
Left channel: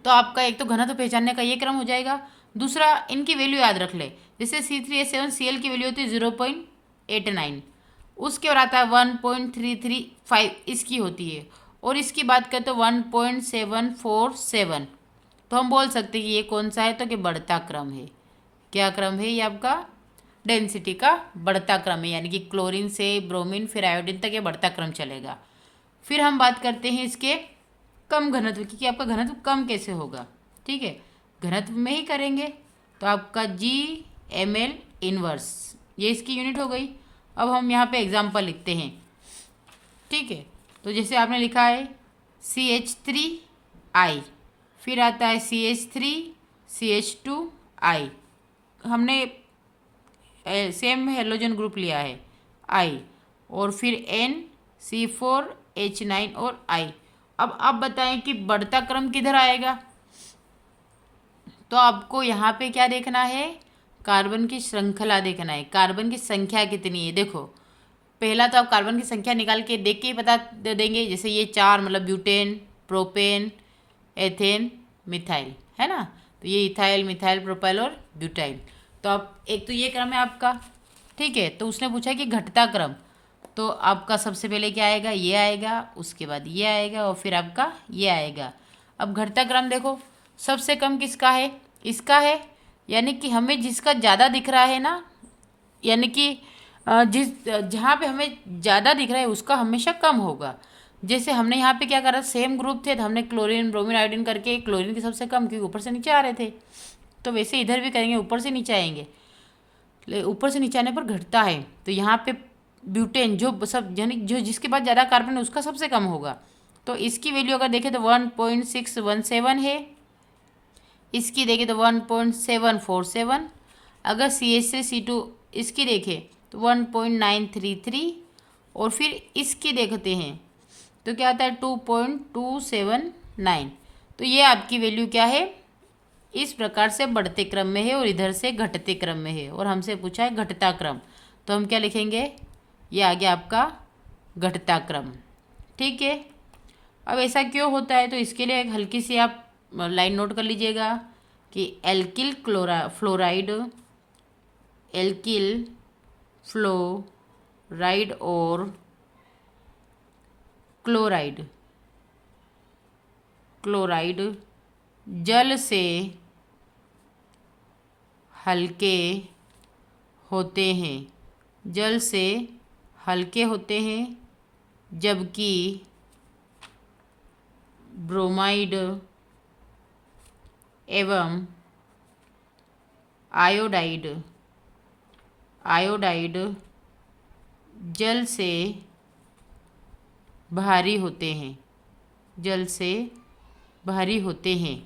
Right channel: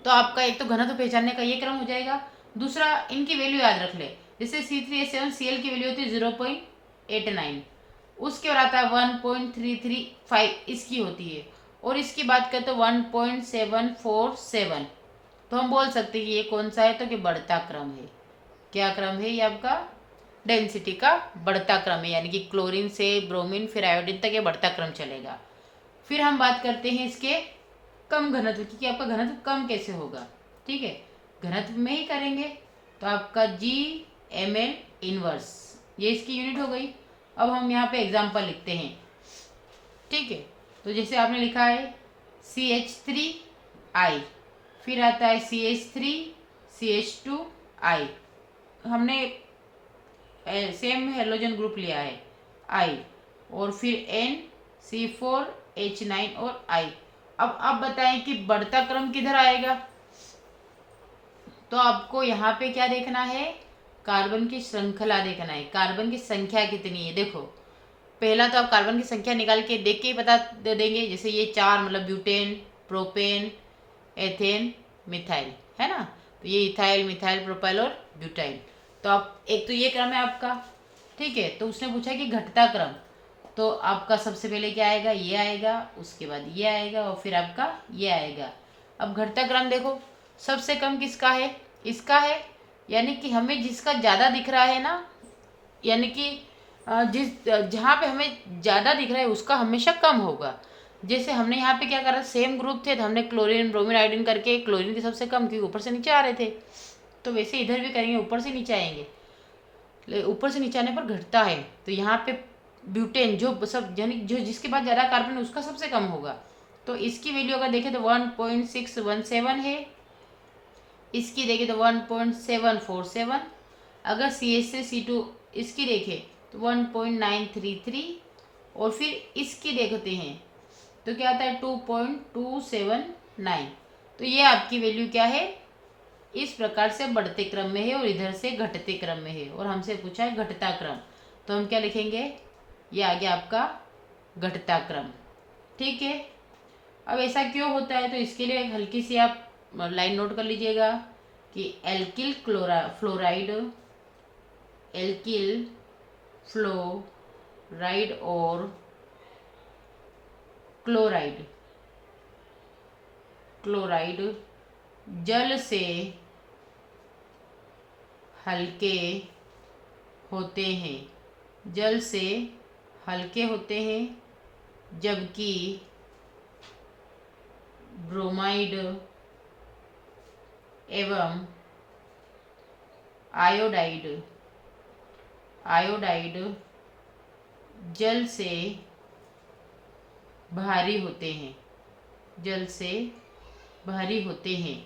तो आपका एक तो घनत्व पहचानने का ये क्रम हो जाएगा। दूसरा, इनकी वैल्यू याद रख ले, जैसे C3H7Cl की वैल्यू होती है 0.89, उसके बाद आता है 1.335 इसकी होती है, और इसकी बात करें तो 1.747। तो हम बोल सकते हैं कि ये कौन सा है, तो कि बढ़ता क्रम है। क्या क्रम है, ये आपका डेंसिटी का बढ़ता क्रम है, यानी कि क्लोरीन से ब्रोमीन फिर आयोडीन तक ये बढ़ता क्रम चलेगा। फिर हम बात करते हैं इसके कम घनत्व की, कि आपका घनत्व कम कैसे होगा, ठीक है। घनत्व में ही करेंगे तो आपका GmL इनवर्स, ये इसकी यूनिट हो गई। अब हम यहाँ पे एग्जाम्पल लिखते हैं, ठीक है। तो जैसे आपने लिखा है CH3I, फिर आता है CH3CH2I, हमने सेम हेलोजन ग्रुप लिया है I, और फिर NC4H9 और I। अब आप बताएं कि बढ़ता क्रम किधर आएगा, तो आपको यहाँ पे क्या देखना है, कार्बन की श्रृंखला देखना है, कार्बन की संख्या कितनी है। देखो पहला तो आप कार्बन की संख्या निकाल के देख के ही बता दे देंगे, जैसे ये 4 मतलब ब्यूटेन, प्रोपेन, एथेन, मिथाइल, है ना। तो ये इथाइल, मिथाइल, प्रोपाइल और ब्यूटाइल। तो आप एक तो ये क्रम है आपका, ठीक है। तो उसने पूछा कि घटता क्रम, तो आपका सबसे पहले क्या आएगा, ये आएगा, उसके बाद ये आएगा, और फिर आपका ये आएगा। अब घटता क्रम देखो, सबसे कम किसका है, इसका है, यानी कि हमें जिसका ज़्यादा दिख रहा है ना, यानी कि जहाँ पे हमें ज़्यादा दिख रहा है उसका हमेशा कम होगा। जैसे हमने यहाँ पे क्या करा, सेम ग्रुप थे तो हमने क्लोरीन ब्रोमीन आयोडीन करके क्लोरीन की सबसे कम, क्योंकि ऊपर से नीचे आ रहे थे, तो वैसे इधर भी करेंगे, ऊपर से नीचे आएंगे। ऊपर से नीचे आने पर घटता है। तो यहाँ पे ब्यूटेन जो सब यानी जो जिसके बाद ज़्यादा कार्बन है उसका सबसे कम होगा। तो इसकी वैल्यू अगर देखें तो 1.617 है, इसकी देखें तो 1.747, अगर CH से C2 इसकी देखें तो 1.933, और फिर इसकी देखते हैं तो क्या आता है 2.279। तो ये आपकी वैल्यू क्या है, इस प्रकार से बढ़ते क्रम में है और इधर से घटते क्रम में है, और हमसे पूछा है घटता क्रम। तो हम क्या लिखेंगे, ये आ गया आपका घटता क्रम। ठीक है, अब ऐसा क्यों होता है, तो इसके लिए एक हल्की सी आप लाइन नोट कर लीजिएगा कि एल्किल फ्लोराइड और क्लोराइड जल से हल्के होते हैं, जबकि ब्रोमाइड एवं आयोडाइड जल से भारी होते हैं।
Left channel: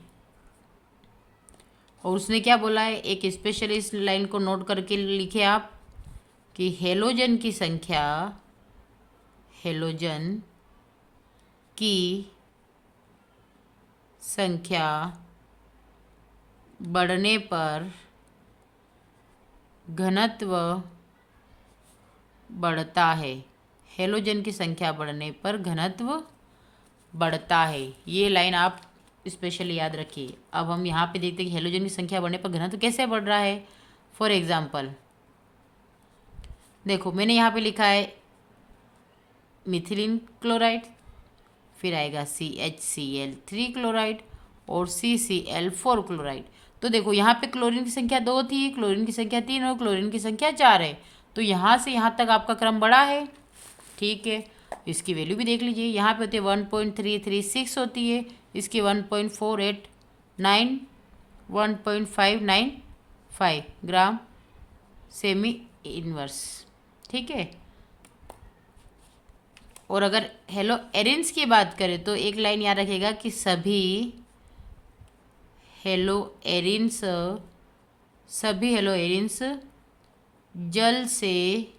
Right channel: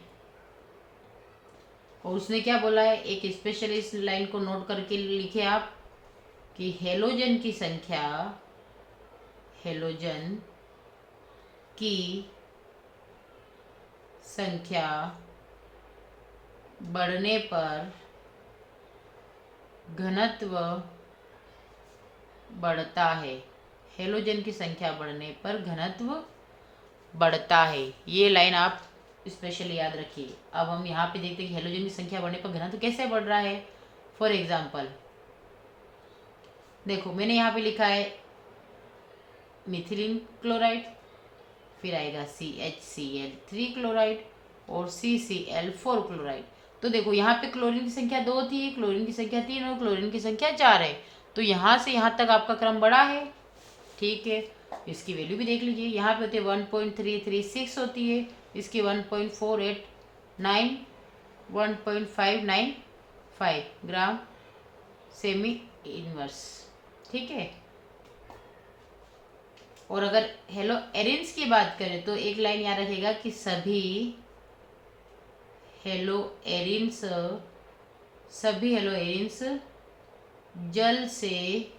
और उसने क्या बोला है, एक स्पेशल इस लाइन को नोट करके लिखे आप कि हेलोजन की संख्या बढ़ने पर घनत्व बढ़ता है। हेलोजन की संख्या बढ़ने पर घनत्व बढ़ता है। ये लाइन आप स्पेशली याद रखिए। अब हम यहाँ पे देखते हैं कि हेलोजन की संख्या बढ़ने पर घनत्व कैसे बढ़ रहा है। फॉर एग्जाम्पल देखो, मैंने यहाँ पे लिखा है मिथिलीन क्लोराइड, फिर आएगा CHCl3 क्लोराइड और CCl4 क्लोराइड। तो देखो यहाँ पे क्लोरीन की संख्या 2 थी, क्लोरीन की संख्या 3 और क्लोरीन की संख्या 4 है। तो यहाँ से यहाँ तक आपका क्रम बढ़ा है। ठीक है, इसकी वैल्यू भी देख लीजिए, यहाँ पे होती है 1.336 होती है, इसकी 1.489 1.595 ग्राम सेमी इनवर्स। ठीक है, और अगर हेलो एरिन्स की बात करें तो एक लाइन याद रखिएगा कि सभी हेलो एरिन्स जल से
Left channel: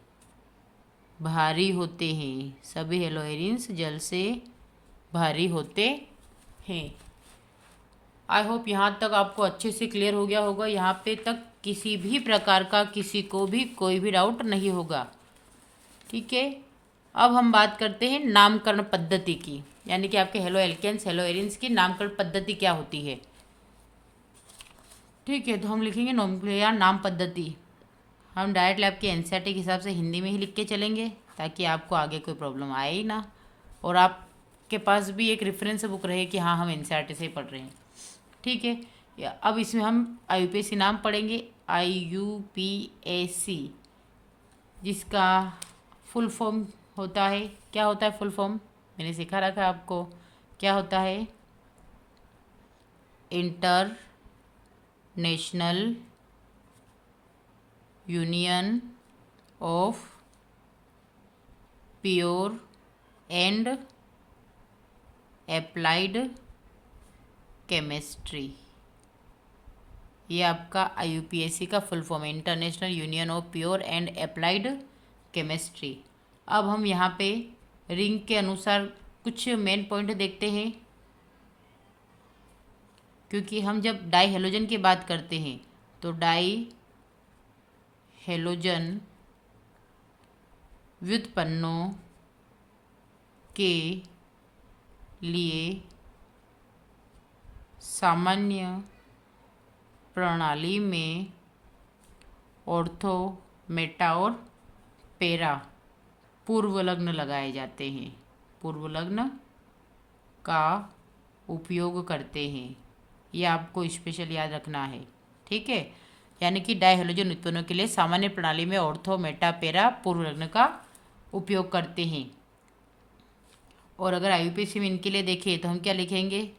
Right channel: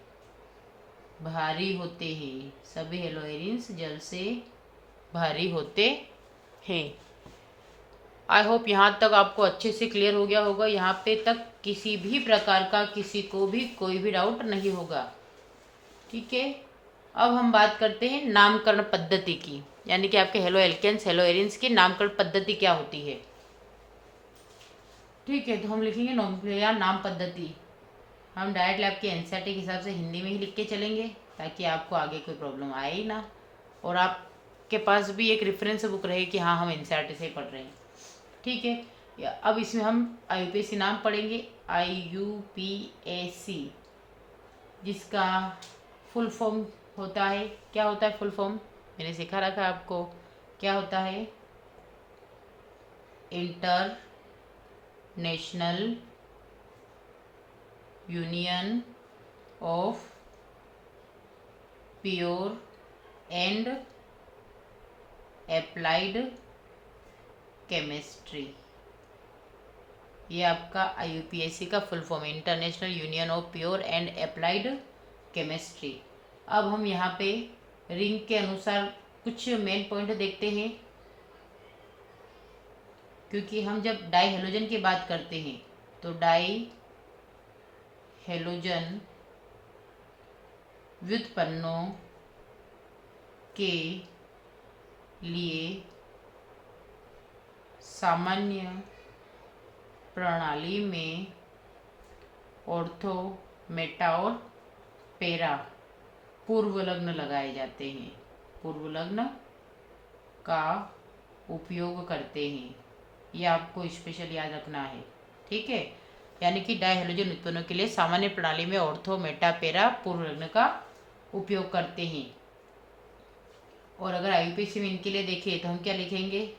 भारी होते हैं। आई होप यहाँ तक आपको अच्छे से क्लियर हो गया होगा। यहाँ पे तक किसी भी प्रकार का किसी को भी कोई भी डाउट नहीं होगा। ठीक है, अब हम बात करते हैं नामकरण पद्धति की, यानी कि आपके हेलो एल्केन्स हेलो एरिन्स की नामकरण पद्धति क्या होती है। ठीक है, तो हम लिखेंगे नोमेनक्लेचर नाम पद्धति। हम डायरेक्ट लैब के एनसीईआरटी के हिसाब से हिंदी में ही लिख के चलेंगे ताकि आपको आगे कोई प्रॉब्लम आए ही ना, और आपके पास भी एक रेफरेंस बुक रहे कि हाँ हम एनसीईआरटी से पढ़ रहे हैं। ठीक है, अब इसमें हम IUPAC नाम पढ़ेंगे। IUPAC जिसका फुल फॉर्म होता है, क्या होता है फुल फॉर्म, मैंने सिखा रखा आपको क्या होता है। International union of pure and applied chemistry, ये आपका IUPAC का फुल फॉर्म है, international union of pure and applied chemistry. अब हम यहाँ पे रिंग के अनुसार कुछ मेन पॉइंट देखते हैं, क्योंकि हम जब डाई हेलोजन की बात करते हैं तो डाई हेलोजन व्युत्पन्नों के लिए सामान्य प्रणाली में ऑर्थो, मेटा और पैरा पूर्वलग्न लगाए जाते हैं, पूर्वलग्न का उपयोग करते हैं। ये आपको स्पेशल याद रखना है। ठीक है, यानी कि डाई हेलोजन उत्पन्नों के लिए सामान्य प्रणाली में ऑर्थो, मेटा, पैरा पूर्वलग्न का उपयोग करते हैं। और अगर IUPAC में इनके लिए देखें तो हम क्या लिखेंगे,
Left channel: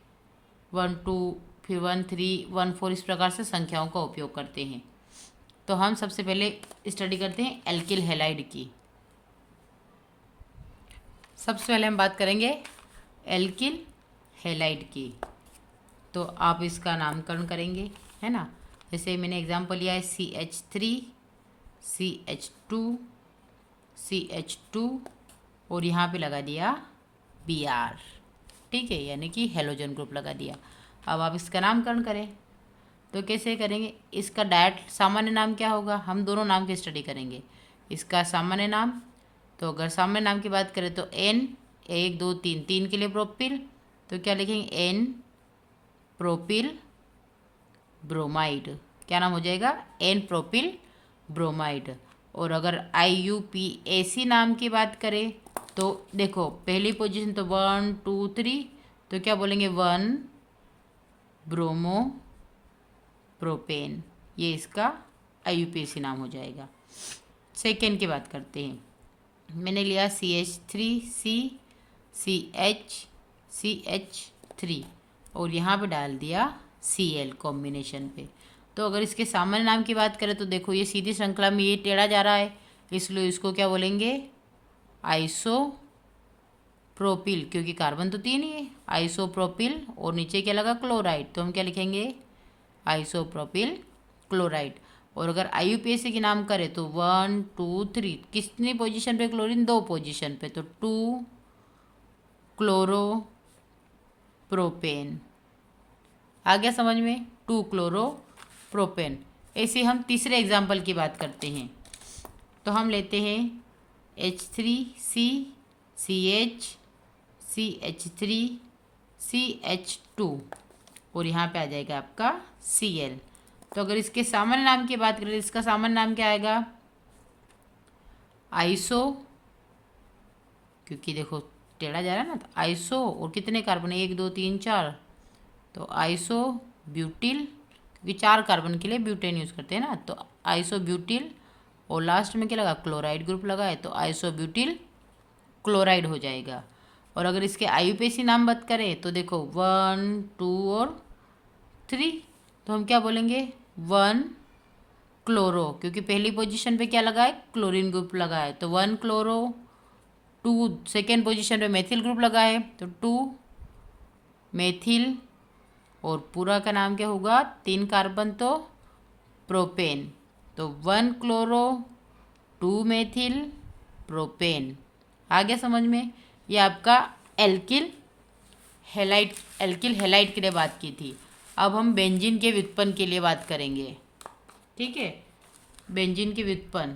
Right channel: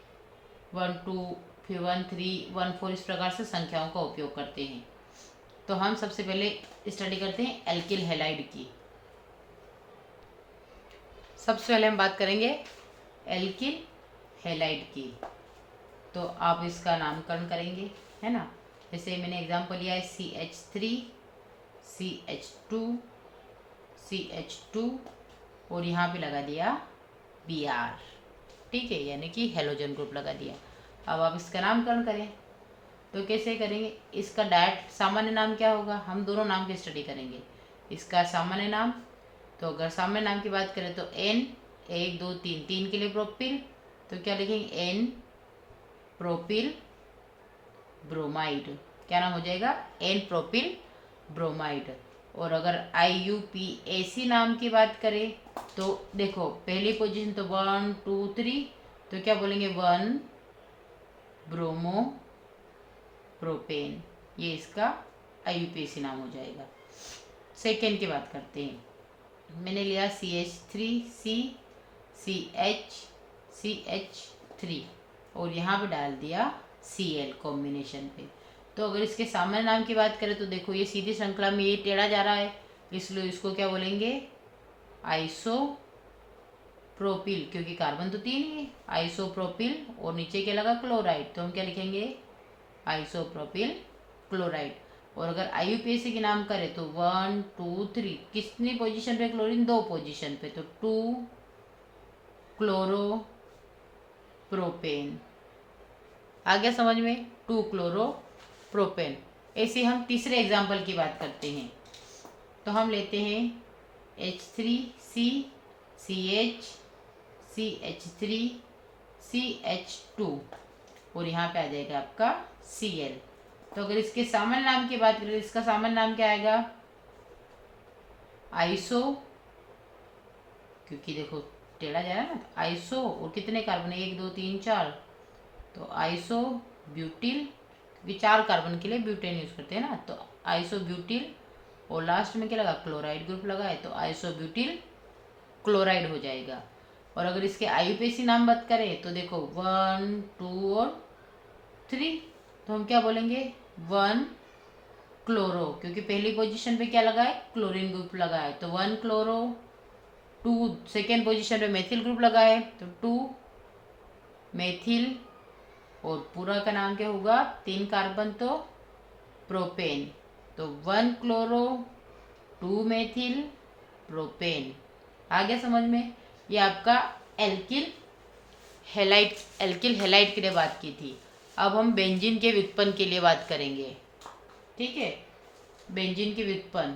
1 2 फिर 1 3 1 4 इस प्रकार से संख्याओं का उपयोग करते हैं। तो हम सबसे पहले स्टडी करते हैं एल्किल हैलाइड की। सबसे पहले हम बात करेंगे एल्किल हैलाइड की। तो आप इसका नामकरण करेंगे, है ना। जैसे मैंने एग्जांपल लिया है CH3, CH2, CH2 और यहाँ पे लगा दिया Br, ठीक है, यानी कि हेलोजन ग्रुप लगा दिया। अब आप इसका नामकरण करें तो कैसे करेंगे? इसका डायरेक्ट सामान्य नाम क्या होगा? हम दोनों नाम की स्टडी करेंगे। इसका सामान्य नाम, तो अगर सामान्य नाम की बात करें तो N, 1 2 3, 3 के लिए प्रोपिल, तो क्या लिखेंगे? N propyl bromide. क्या नाम हो जाएगा? N propyl bromide. और अगर IUPAC नाम की बात करें तो देखो पहली पोजीशन तो 1 2 3, तो क्या बोलेंगे? 1 ब्रोमो प्रोपेन, ये इसका IUPAC नाम हो जाएगा। सेकेंड की बात करते हैं। मैंने लिया CH3C, CH3 और यहाँ पे डाल दिया Cl कॉम्बिनेशन पे। तो अगर इसके सामान्य नाम की बात करें तो देखो ये सीधी श्रृंखला में ये टेढ़ा जा रहा है, इसलिए इसको क्या बोलेंगे? आइसोप्रोपिल, क्योंकि कार्बन तो 3 ही है। आइसोप्रोपिल और नीचे क्या लगा? क्लोराइड, तो हम क्या लिखेंगे? Isopropyl chloride. और अगर IUPAC की नाम करें तो 1 2 3, कितनी पोजीशन पे क्लोरीन? 2 पोजीशन पे, तो 2 क्लोरो प्रोपेन। आ गया समझ में? 2 क्लोरो प्रोपेन। ऐसे हम तीसरे एग्जाम्पल की बात करते हैं। तो हम लेते हैं H3C, CH, CH3, CH2 और यहाँ पे आ जाएगा आपका Cl। तो अगर इसके सामान्य नाम की बात करें, इसका सामान्य नाम क्या आएगा? आइसो, क्योंकि देखो टेढ़ा जा रहा है ना, तो आइसो और कितने कार्बन? 1 2 3 4, तो आइसो ब्यूटिल, क्योंकि 4 कार्बन के लिए ब्यूटेन यूज़ करते हैं ना, तो आइसो ब्यूटिल और लास्ट में क्या लगा? क्लोराइड ग्रुप लगा है, तो आइसो ब्यूटिल क्लोराइड हो जाएगा। और अगर इसके IUPAC नाम बात करें तो देखो 1 2 और 3, तो हम क्या बोलेंगे? 1 क्लोरो, क्योंकि पहली पोजीशन पे क्या लगा है? क्लोरीन ग्रुप लगा है, तो 1 क्लोरो। 2 सेकेंड पोजीशन पे मेथिल ग्रुप लगा है, तो 2 मेथिल। और पूरा का नाम क्या होगा? 3 कार्बन तो प्रोपेन, तो 1 क्लोरो 2 मेथिल प्रोपेन। आ गया समझ में? ये आपका एल्किल हैलाइड के लिए बात की थी। अब हम बेंजीन के व्युत्पन्न के लिए बात करेंगे, ठीक है। बेंजीन के व्युत्पन्न,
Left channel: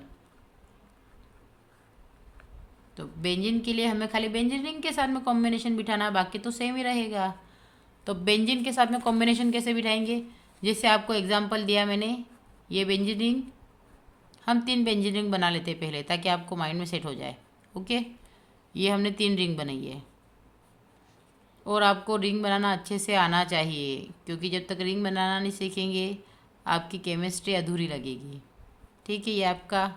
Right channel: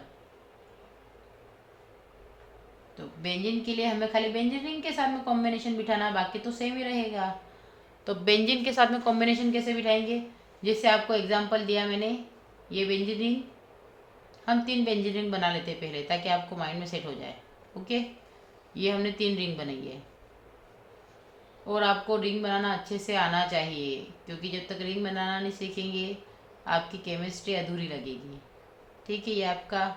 तो बेंजीन के लिए हमें खाली बेंजीन रिंग के साथ में कॉम्बिनेशन बिठाना, बाकी तो सेम ही रहेगा। तो बेंजीन के साथ में कॉम्बिनेशन कैसे बिठाएंगे? जैसे आपको एग्जांपल दिया मैंने, ये बेंजीन रिंग, हम 3 बेंजीन रिंग बना लेते हैं पहले, ताकि आपको माइंड में सेट हो जाए। ओके, ये हमने 3 रिंग बनाई है। और आपको रिंग बनाना अच्छे से आना चाहिए, क्योंकि जब तक रिंग बनाना नहीं सीखेंगे आपकी केमिस्ट्री अधूरी लगेगी, ठीक है। ये आपका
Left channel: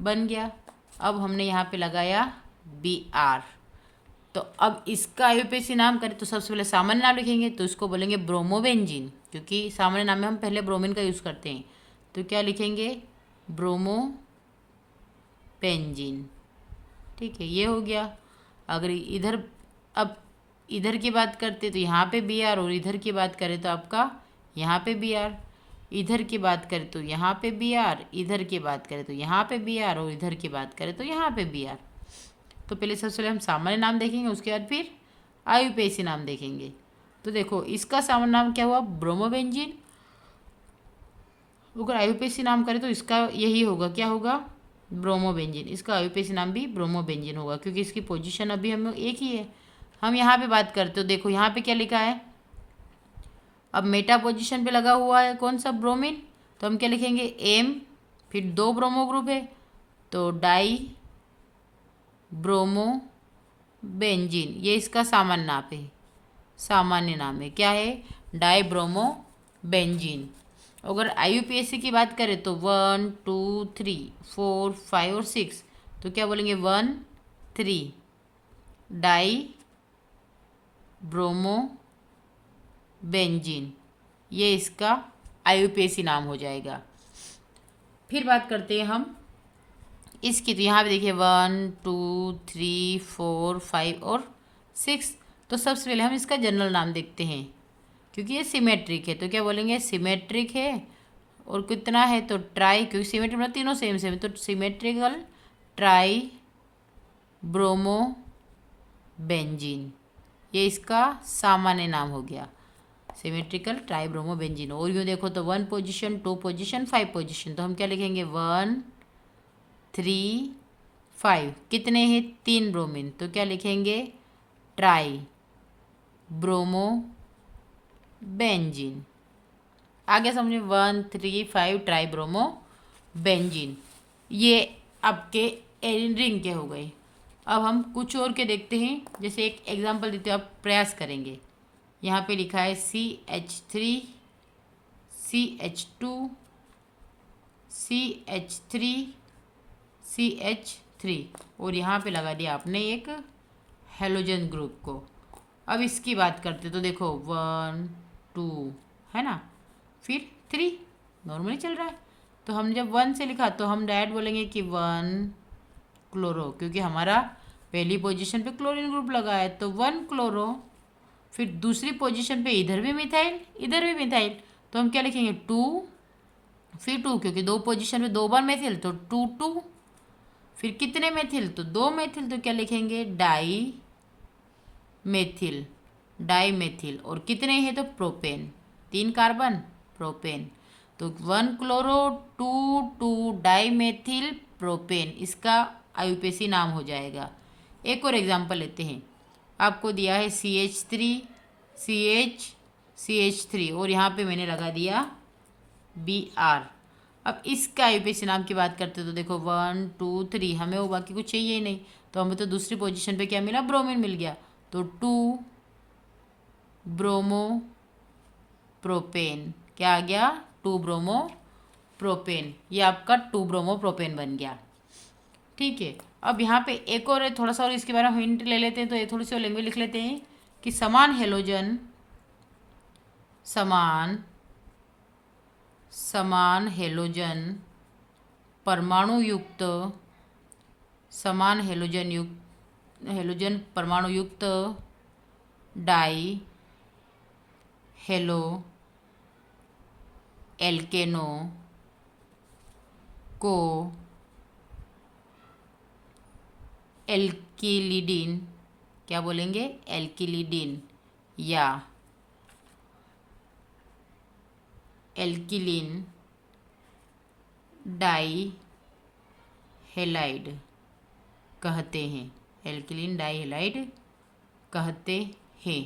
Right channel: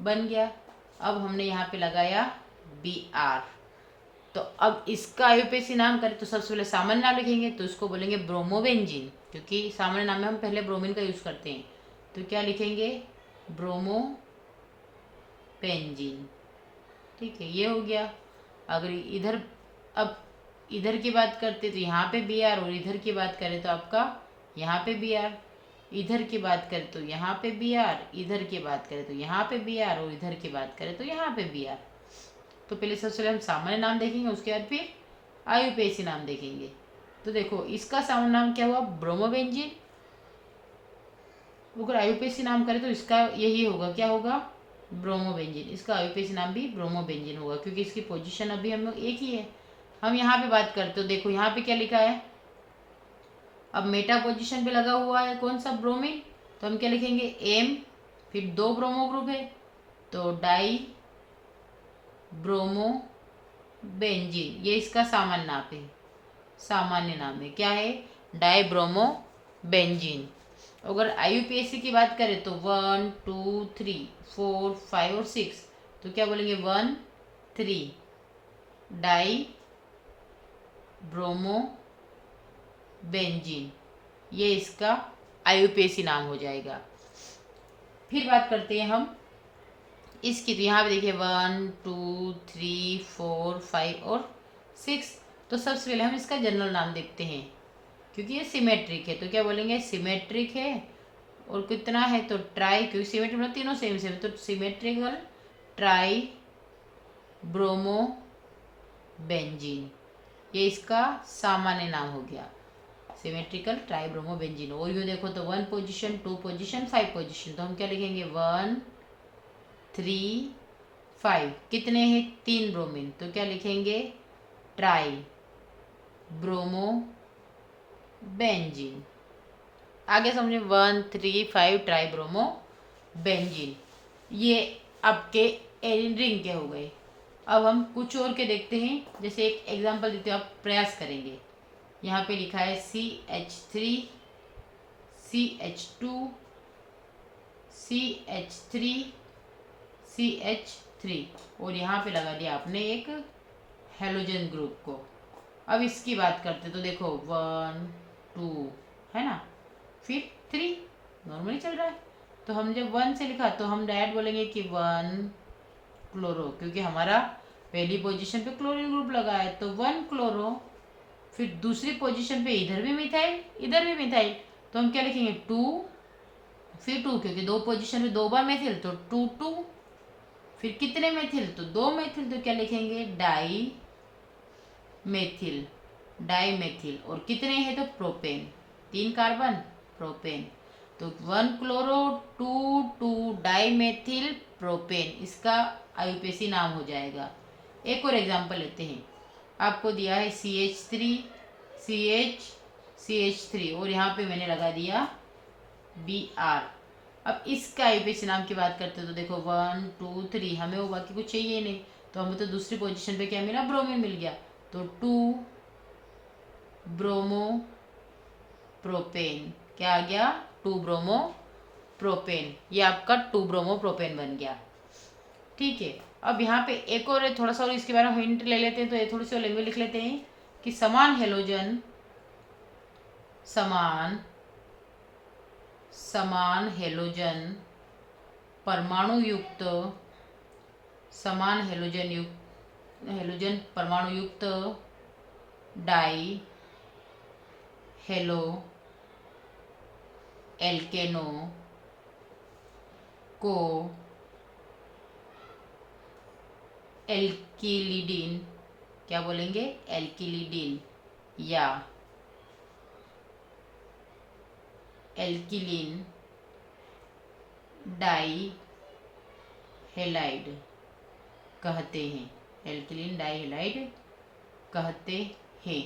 बन गया। अब हमने यहाँ पे लगाया Br। तो अब इसका IUPAC नाम करें तो सबसे पहले सामान्य नाम लिखेंगे, तो इसको बोलेंगे ब्रोमोबेंजीन, क्योंकि सामान्य नाम में हम पहले ब्रोमीन का यूज़ करते हैं। तो क्या लिखेंगे? ब्रोमोबेंजीन, ठीक है, ये हो गया। अगर इधर, अब इधर की बात करते तो यहाँ पे Br, और इधर की बात करें तो आपका यहाँ पे Br। इधर की बात करें तो यहाँ पे Br, इधर की बात करें तो यहाँ पे Br, और इधर की बात करें तो यहाँ पे Br। तो पहले सबसे पहले हम सामान्य नाम देखेंगे, उसके बाद फिर IUPAC नाम देखेंगे। तो देखो इसका सामान्य नाम क्या हुआ? ब्रोमोबेंजीन। अगर IUPAC नाम करें तो इसका यही होगा, क्या होगा? ब्रोमोबेंजीन। इसका IUPAC नाम भी ब्रोमोबेंजीन होगा, क्योंकि इसकी पोजीशन अभी हम एक ही है। हम यहाँ पे बात करते हो, देखो यहाँ पे क्या लिखा है? अब मेटा पोजीशन पे लगा हुआ है कौन सा? ब्रोमीन। तो हम क्या लिखेंगे? M, फिर 2 ब्रोमो ग्रुप है, तो डाई ब्रोमो बेंजीन, ये इसका सामान्य नाम है। सामान्य नाम है क्या है? Die bromo benzene. अगर IUPAC की बात करें तो 1 2 3 4 5 और 6, तो क्या बोलेंगे? 1 3 डाई ब्रोमो बेंजीन, ये इसका IUPAC नाम हो जाएगा। फिर बात करते हैं हम इसकी। तो यहाँ पे देखिए 1 2 3 4 5 और 6। तो सबसे पहले हम इसका जनरल नाम देखते हैं, क्योंकि ये सिमेट्रिक है। तो क्या बोलेंगे, सिमेट्रिक है। और कितना है, तो ट्राई, क्योंकि सिमेट्रिक मतलब तीनों सेम सेम है, तो सिमेट्रिकल ट्राई ब्रोमो बेंजीन, ये इसका सामान्य नाम हो गया, सिमेट्रिकल ट्राइब्रोमो बेंजीन। और यूँ देखो तो 1 पोजीशन, 2 पोजीशन, 5 पोजीशन, तो हम क्या लिखेंगे 1 3 5। कितने हैं, 3 ब्रोमीन, तो क्या लिखेंगे ट्राई ब्रोमो बेंजीन। आगे समझे 1 3 5 ट्राई ब्रोमो बेंजीन। ये आपके रिंग के हो गए। अब हम कुछ और के देखते हैं, जैसे एक एग्जांपल देते हैं, आप प्रयास करेंगे। यहाँ पे लिखा है CH3 CH2 CH3 CH3, और यहाँ पे लगा दिया आपने एक हेलोजन ग्रुप को। अब इसकी बात करते तो देखो 1 2 है ना, फिर 3 नॉर्मली चल रहा है। तो हम जब 1 से लिखा तो हम डायरेक्ट बोलेंगे कि 1 क्लोरो, क्योंकि हमारा पहली पोजीशन पे क्लोरीन ग्रुप लगा है, तो 1 क्लोरो। फिर दूसरी पोजीशन पे इधर भी मिथाइल इधर भी मिथाइल, तो हम क्या लिखेंगे 2, फिर 2, क्योंकि 2 पोजीशन पे 2 बार मेथिल, तो 2 2। फिर कितने मेथिल, तो 2 मेथिल, तो क्या लिखेंगे डाई मेथिल, डाई मेथिल। और कितने हैं, तो प्रोपेन, 3 कार्बन प्रोपेन, तो 1 क्लोरो 2 2 डाई मेथिल प्रोपेन, इसका आईयूपीएसी नाम हो जाएगा। एक और एग्जांपल लेते हैं। आपको दिया है CH3 CH3, और यहाँ पे मैंने लगा दिया Br। अब इसका आईयूपीएसी नाम की बात करते हैं, तो देखो 1 2 3, हमें वो बाकी कुछ चाहिए ही नहीं, तो हमें तो दूसरी पोजीशन पे क्या मिला, ब्रोमीन मिल गया, तो 2 ब्रोमो प्रोपेन, क्या आ गया 2 ब्रोमो प्रोपेन, ये आपका 2 ब्रोमो प्रोपेन बन गया। ठीक है। अब यहाँ पे एक और थोड़ा सा और इसके बारे में हिंट ले लेते हैं, तो ये थोड़ी सी लैंग्वेज लिख लेते हैं कि समान हेलोजन परमाणु युक्त हेलोजन परमाणु युक्त डाई हेलो एल्केनो को एल्किलिडीन, क्या बोलेंगे एल्किलिडीन या एल्किलीन डाई हेलाइड कहते हैं, एल्किलीन डाई हेलाइड कहते हैं।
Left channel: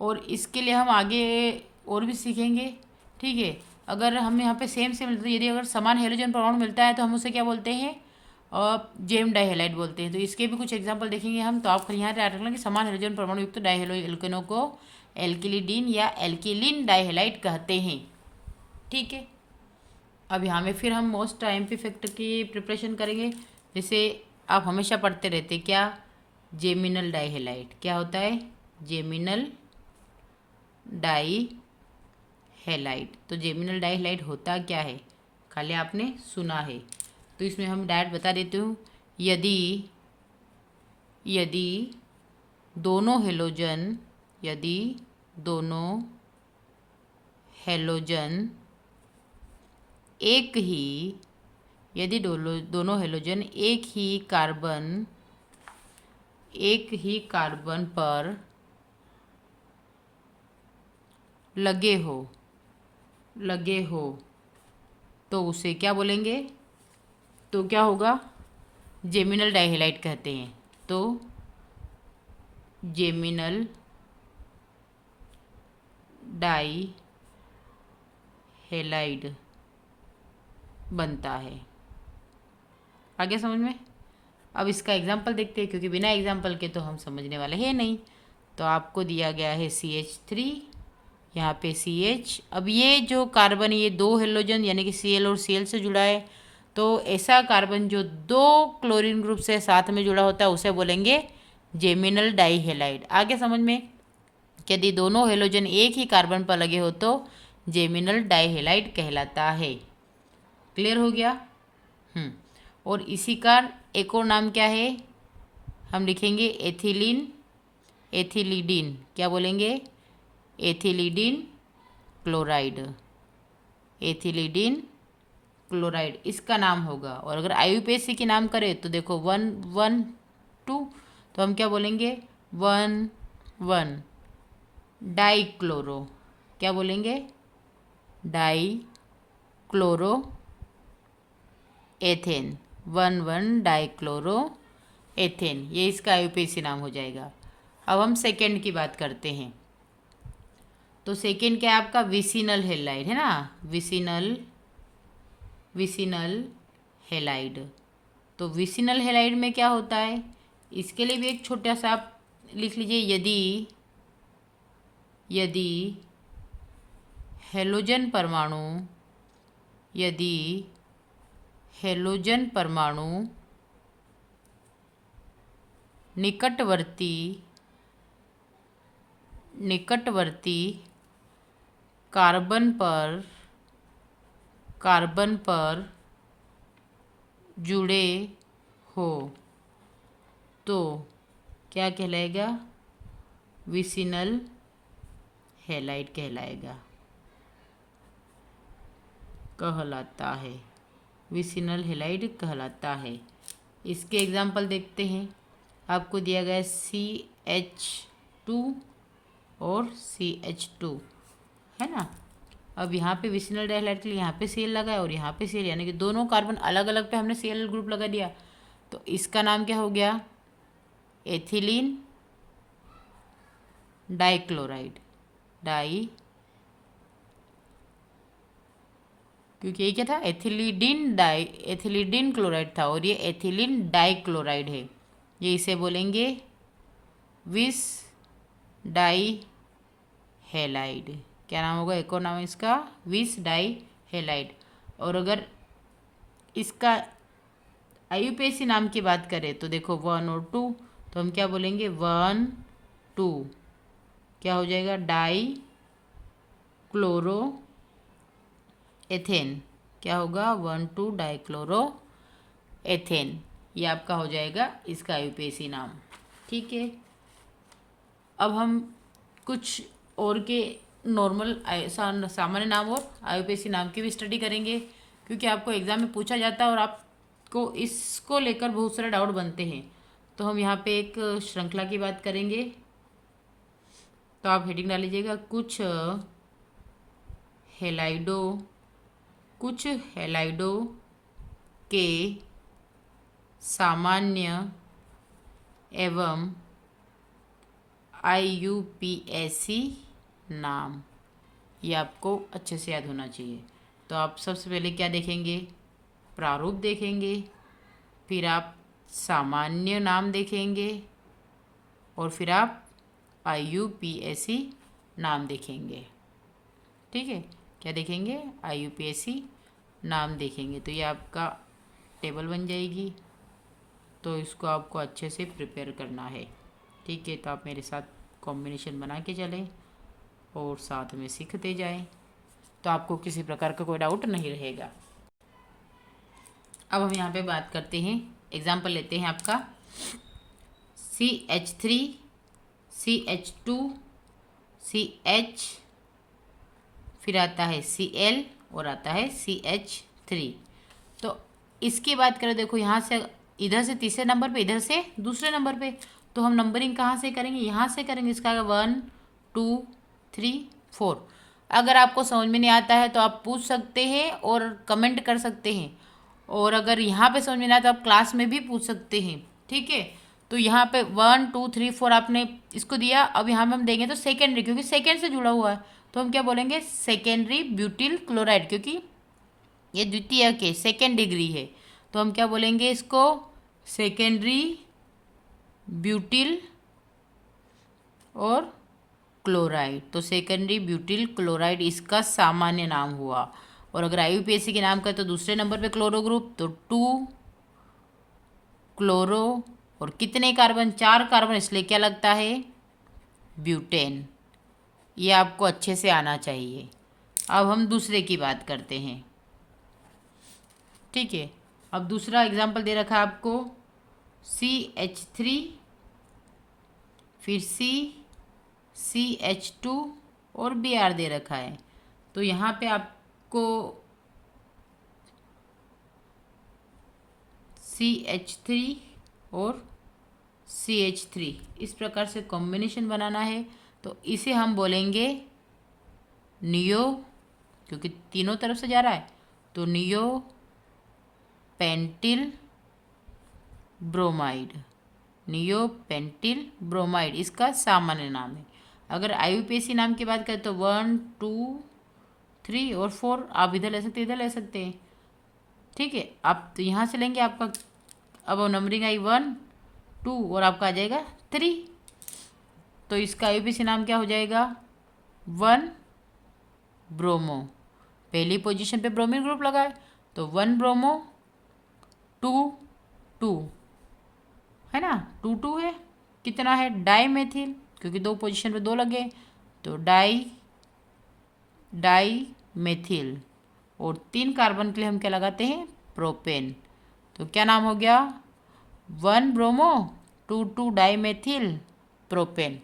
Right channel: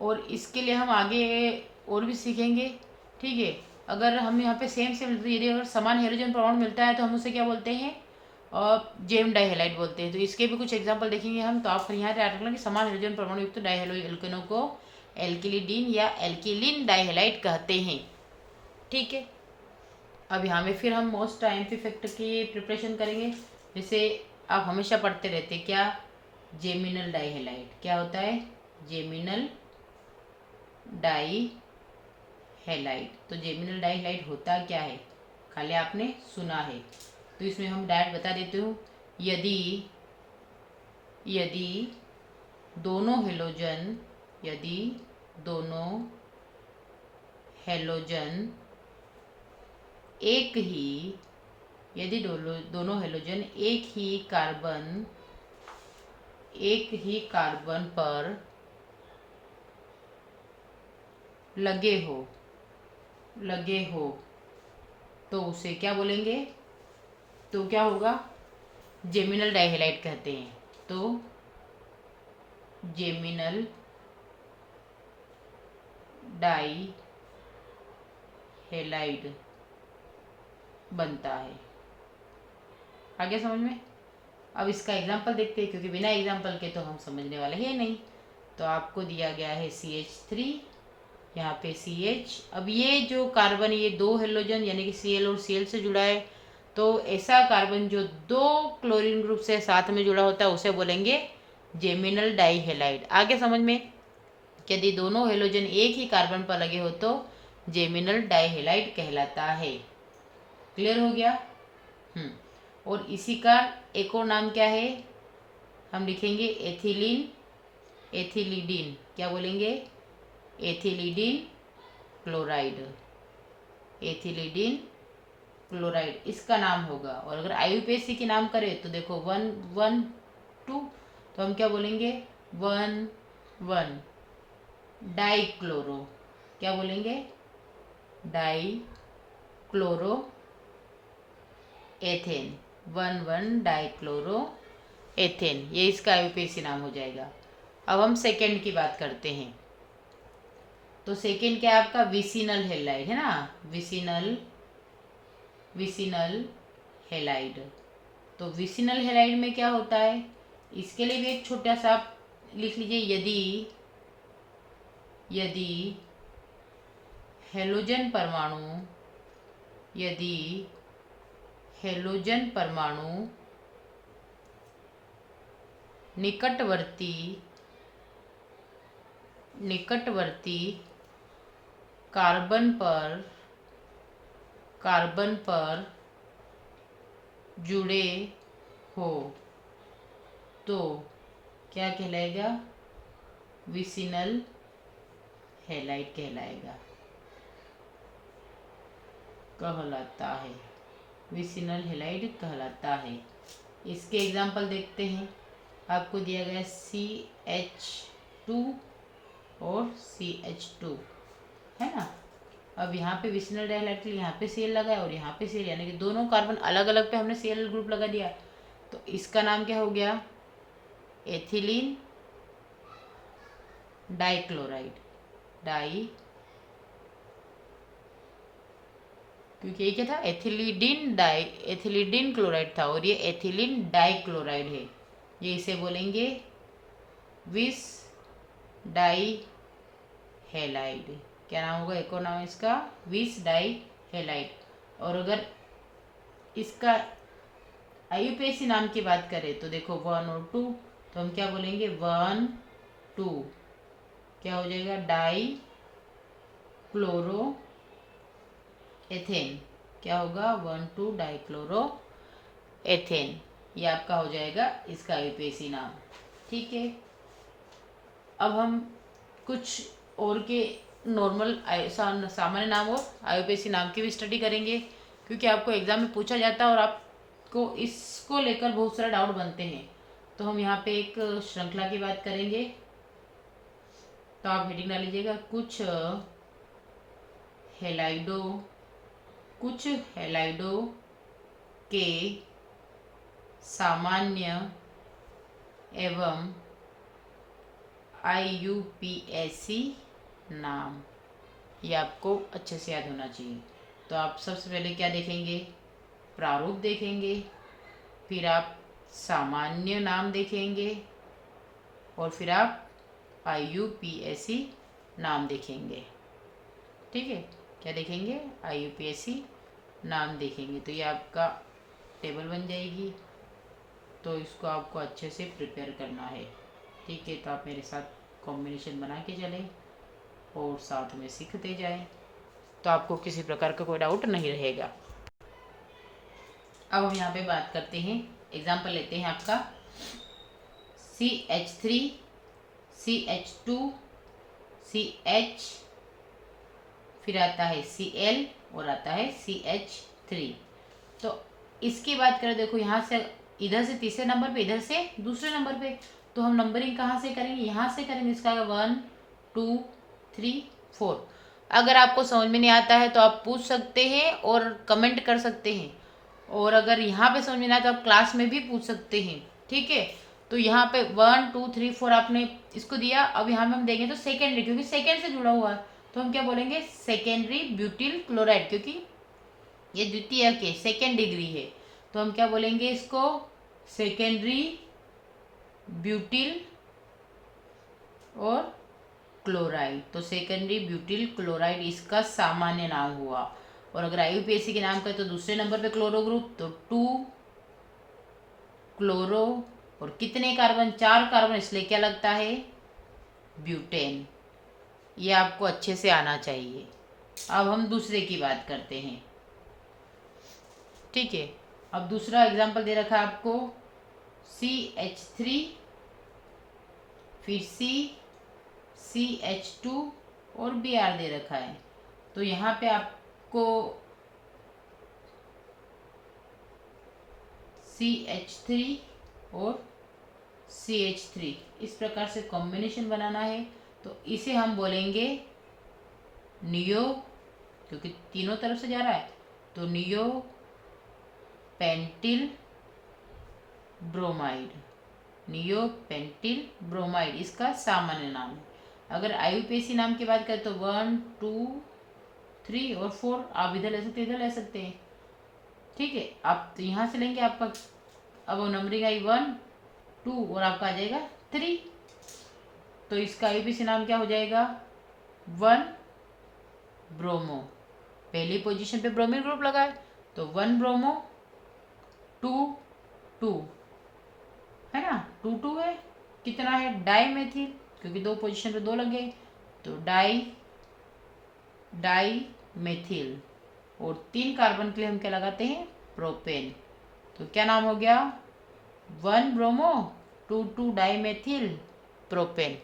और इसके लिए हम आगे और भी सीखेंगे। ठीक है। अगर हमें यहाँ पे सेम यदि अगर समान हेलोजन परमाणु मिलता है तो हम उसे क्या बोलते हैं, और जेम डाइहेलाइड बोलते हैं। तो इसके भी कुछ एग्जांपल देखेंगे हम। तो आप यहाँ याद रखना कि समान हेलोजन परमाणु युक्त डाइहेलो एल्केनो को एल्किलिडीन या एल्किलीन डाइहेलाइड कहते हैं। ठीक है। अब यहाँ में फिर हम मोस्ट टाइम इफेक्ट की प्रिपरेशन करेंगे। जैसे आप हमेशा पढ़ते रहते क्या, जेमिनल डाइहेलाइड, क्या होता है जेमिनल डाई हेलाइड। तो जेमिनल डाइहेलाइड होता क्या है, खाली आपने सुना है। तो इसमें हम डायरेक्ट बता देते हूँ, यदि दोनों हेलोजन एक ही यदि दोनों हेलोजन एक ही कार्बन पर लगे हो तो उसे क्या बोलेंगे, तो क्या होगा, जेमिनल डाइहेलाइड कहते हैं। तो जेमिनल डाइहेलाइड बनता है। आगे समझ में। अब इसका एग्जाम्पल देखते हैं, क्योंकि बिना एग्जाम्पल के तो हम समझने वाले हैं नहीं। तो आपको दिया गया है CH3, यहाँ पे CH। अब ये जो कार्बन, ये 2 हेलोजन यानी कि Cl और Cl से जुड़ा है, तो ऐसा कार्बन जो 2 क्लोरीन ग्रुप से साथ में जुड़ा होता है उसे बोलेंगे जेमिनल डाइहेलाइड। आगे समझ में। यदि दोनों हेलोजन एक ही कार्बन पर लगे हो तो जेमिनल डाइहेलाइड कहलाता है। क्लियर हो गया। और इसी का एक और नाम क्या है, हम लिखेंगे एथिलीन, एथिलीडीन। क्या बोलेंगे, एथिलीडीन क्लोराइड, एथिलीडीन क्लोराइड इसका नाम होगा। और अगर IUPAC के नाम करें तो देखो 112, तो हम क्या बोलेंगे 1 डाइक्लोरो, क्या बोलेंगे डाइक्लोरो एथेन, 1 डाइक्लोरो एथेन, ये इसका IUPAC नाम हो जाएगा। अब हम सेकेंड की बात करते हैं। तो सेकेंड क्या है आपका, विसिनल हेलाइड है ना, विसिनल हेलाइड। तो विसिनल हेलाइड में क्या होता है, इसके लिए भी एक छोटा सा आप लिख लीजिए, यदि हेलोजन परमाणु निकटवर्ती कार्बन पर जुड़े हो तो क्या कहलाएगा, विसिनल हेलाइड कहलाता है, विसिनल हेलाइड कहलाता है। इसके एग्जाम्पल देखते हैं। आपको दिया गया है CH2 और CH2 है ना। अब यहाँ पे विसिनल डाइहाइलाइड के लिए यहाँ पे Cl लगा है और यहाँ पे Cl, यानी कि दोनों कार्बन अलग अलग पे हमने Cl ग्रुप लगा दिया। तो इसका नाम क्या हो गया, एथिलीन डाइक्लोराइड, क्योंकि ये क्या था, एथिलीडीन क्लोराइड था और ये एथिलीन डाइक्लोराइड है। ये इसे बोलेंगे विस डाई हेलाइड। क्या नाम होगा, एक और नाम है इसका विस डाई हेलाइड। और अगर इसका IUPAC नाम की बात करें तो देखो 1 और 2, तो हम क्या बोलेंगे 1 2, क्या हो जाएगा डाई क्लोरो एथेन, क्या होगा 1 2 डाइक्लोरो एथेन। ये आपका हो जाएगा इसका IUPAC नाम। ठीक है। अब हम कुछ और के नॉर्मल सामान्य नाम और IUPAC नाम की भी स्टडी करेंगे, क्योंकि आपको एग्जाम में पूछा जाता है और आपको इसको लेकर बहुत सारे डाउट बनते हैं। तो हम यहाँ पे एक श्रृंखला की बात करेंगे। तो आप हेडिंग डाल लीजिएगा, कुछ हेलाइडो के सामान्य एवं IUPAC नाम। ये आपको अच्छे से याद होना चाहिए। तो आप सबसे पहले क्या देखेंगे, प्रारूप देखेंगे, फिर आप सामान्य नाम देखेंगे और फिर आप IUPAC नाम देखेंगे। ठीक है, क्या देखेंगे, IUPAC नाम देखेंगे। तो ये आपका टेबल बन जाएगी। तो इसको आपको अच्छे से प्रिपेयर करना है। ठीक है, तो आप मेरे साथ कॉम्बिनेशन बना के चलें और साथ में सीखते जाएं, तो आपको किसी प्रकार का कोई डाउट नहीं रहेगा। अब हम यहाँ पे बात करते हैं, एग्जाम्पल लेते हैं आपका CH3 CH2 CH, फिर आता है Cl और आता है CH3। तो इसकी बात करें, देखो यहाँ से इधर से तीसरे नंबर पे, इधर से दूसरे नंबर पे, तो हम नंबरिंग कहाँ से करेंगे, यहाँ से करेंगे। इसका 1 2 3 4। अगर आपको समझ में नहीं आता है तो आप पूछ सकते हैं और कमेंट कर सकते हैं, और अगर यहाँ पे समझ में नहीं आता तो आप क्लास में भी पूछ सकते हैं। ठीक है, तो यहाँ पे 1 2 3 4 आपने इसको दिया। अब यहाँ में हम देंगे तो सेकेंडरी, क्योंकि सेकेंड से जुड़ा हुआ है, तो हम क्या बोलेंगे सेकेंडरी ब्यूटिल क्लोराइड, क्योंकि ये द्वितीय के सेकेंड डिग्री है। तो हम क्या बोलेंगे इसको सेकेंडरी ब्यूटिल और क्लोराइड। तो सेकेंडरी ब्यूटिल क्लोराइड इसका सामान्य नाम हुआ। और अगर IUPAC के नाम का तो दूसरे नंबर पे क्लोरो ग्रुप, तो 2 क्लोरो और कितने कार्बन, 4 कार्बन, इसलिए क्या लगता है ब्यूटेन। ये आपको अच्छे से आना चाहिए। अब हम दूसरे की बात करते हैं। ठीक है। अब दूसरा एग्जाम्पल दे रखा है आपको CH3, फिर CH2 और Br दे रखा है। तो यहाँ पे आपको CH3 और CH3 इस प्रकार से कॉम्बिनेशन बनाना है। तो इसे हम बोलेंगे नियो, क्योंकि तीनों तरफ से जा रहा है, तो neo pentyl bromide, neo pentyl bromide इसका सामान्य नाम है। अगर IUPAC नाम की बात करें तो 1, 2, 3 और 4 आप इधर ले सकते, इधर ले सकते हैं। ठीक है, आप तो यहाँ से लेंगे आपका, अब नंबरिंग आई 1, 2 और आपका आ जाएगा 3। तो इसका IUPAC नाम क्या हो जाएगा? 1 ब्रोमो। पहली पोजीशन पे ब्रोमीन ग्रुप लगा है तो 1 ब्रोमो 2 2 है ना, 2 2 है। कितना है? डाई मेथिल, क्योंकि दो पोजीशन पे 2 लगे तो डाई मेथिल। और 3 कार्बन के लिए हम क्या लगाते हैं? प्रोपेन। तो क्या नाम हो गया? 1 ब्रोमो 2 2 डाई मेथिल प्रोपेन।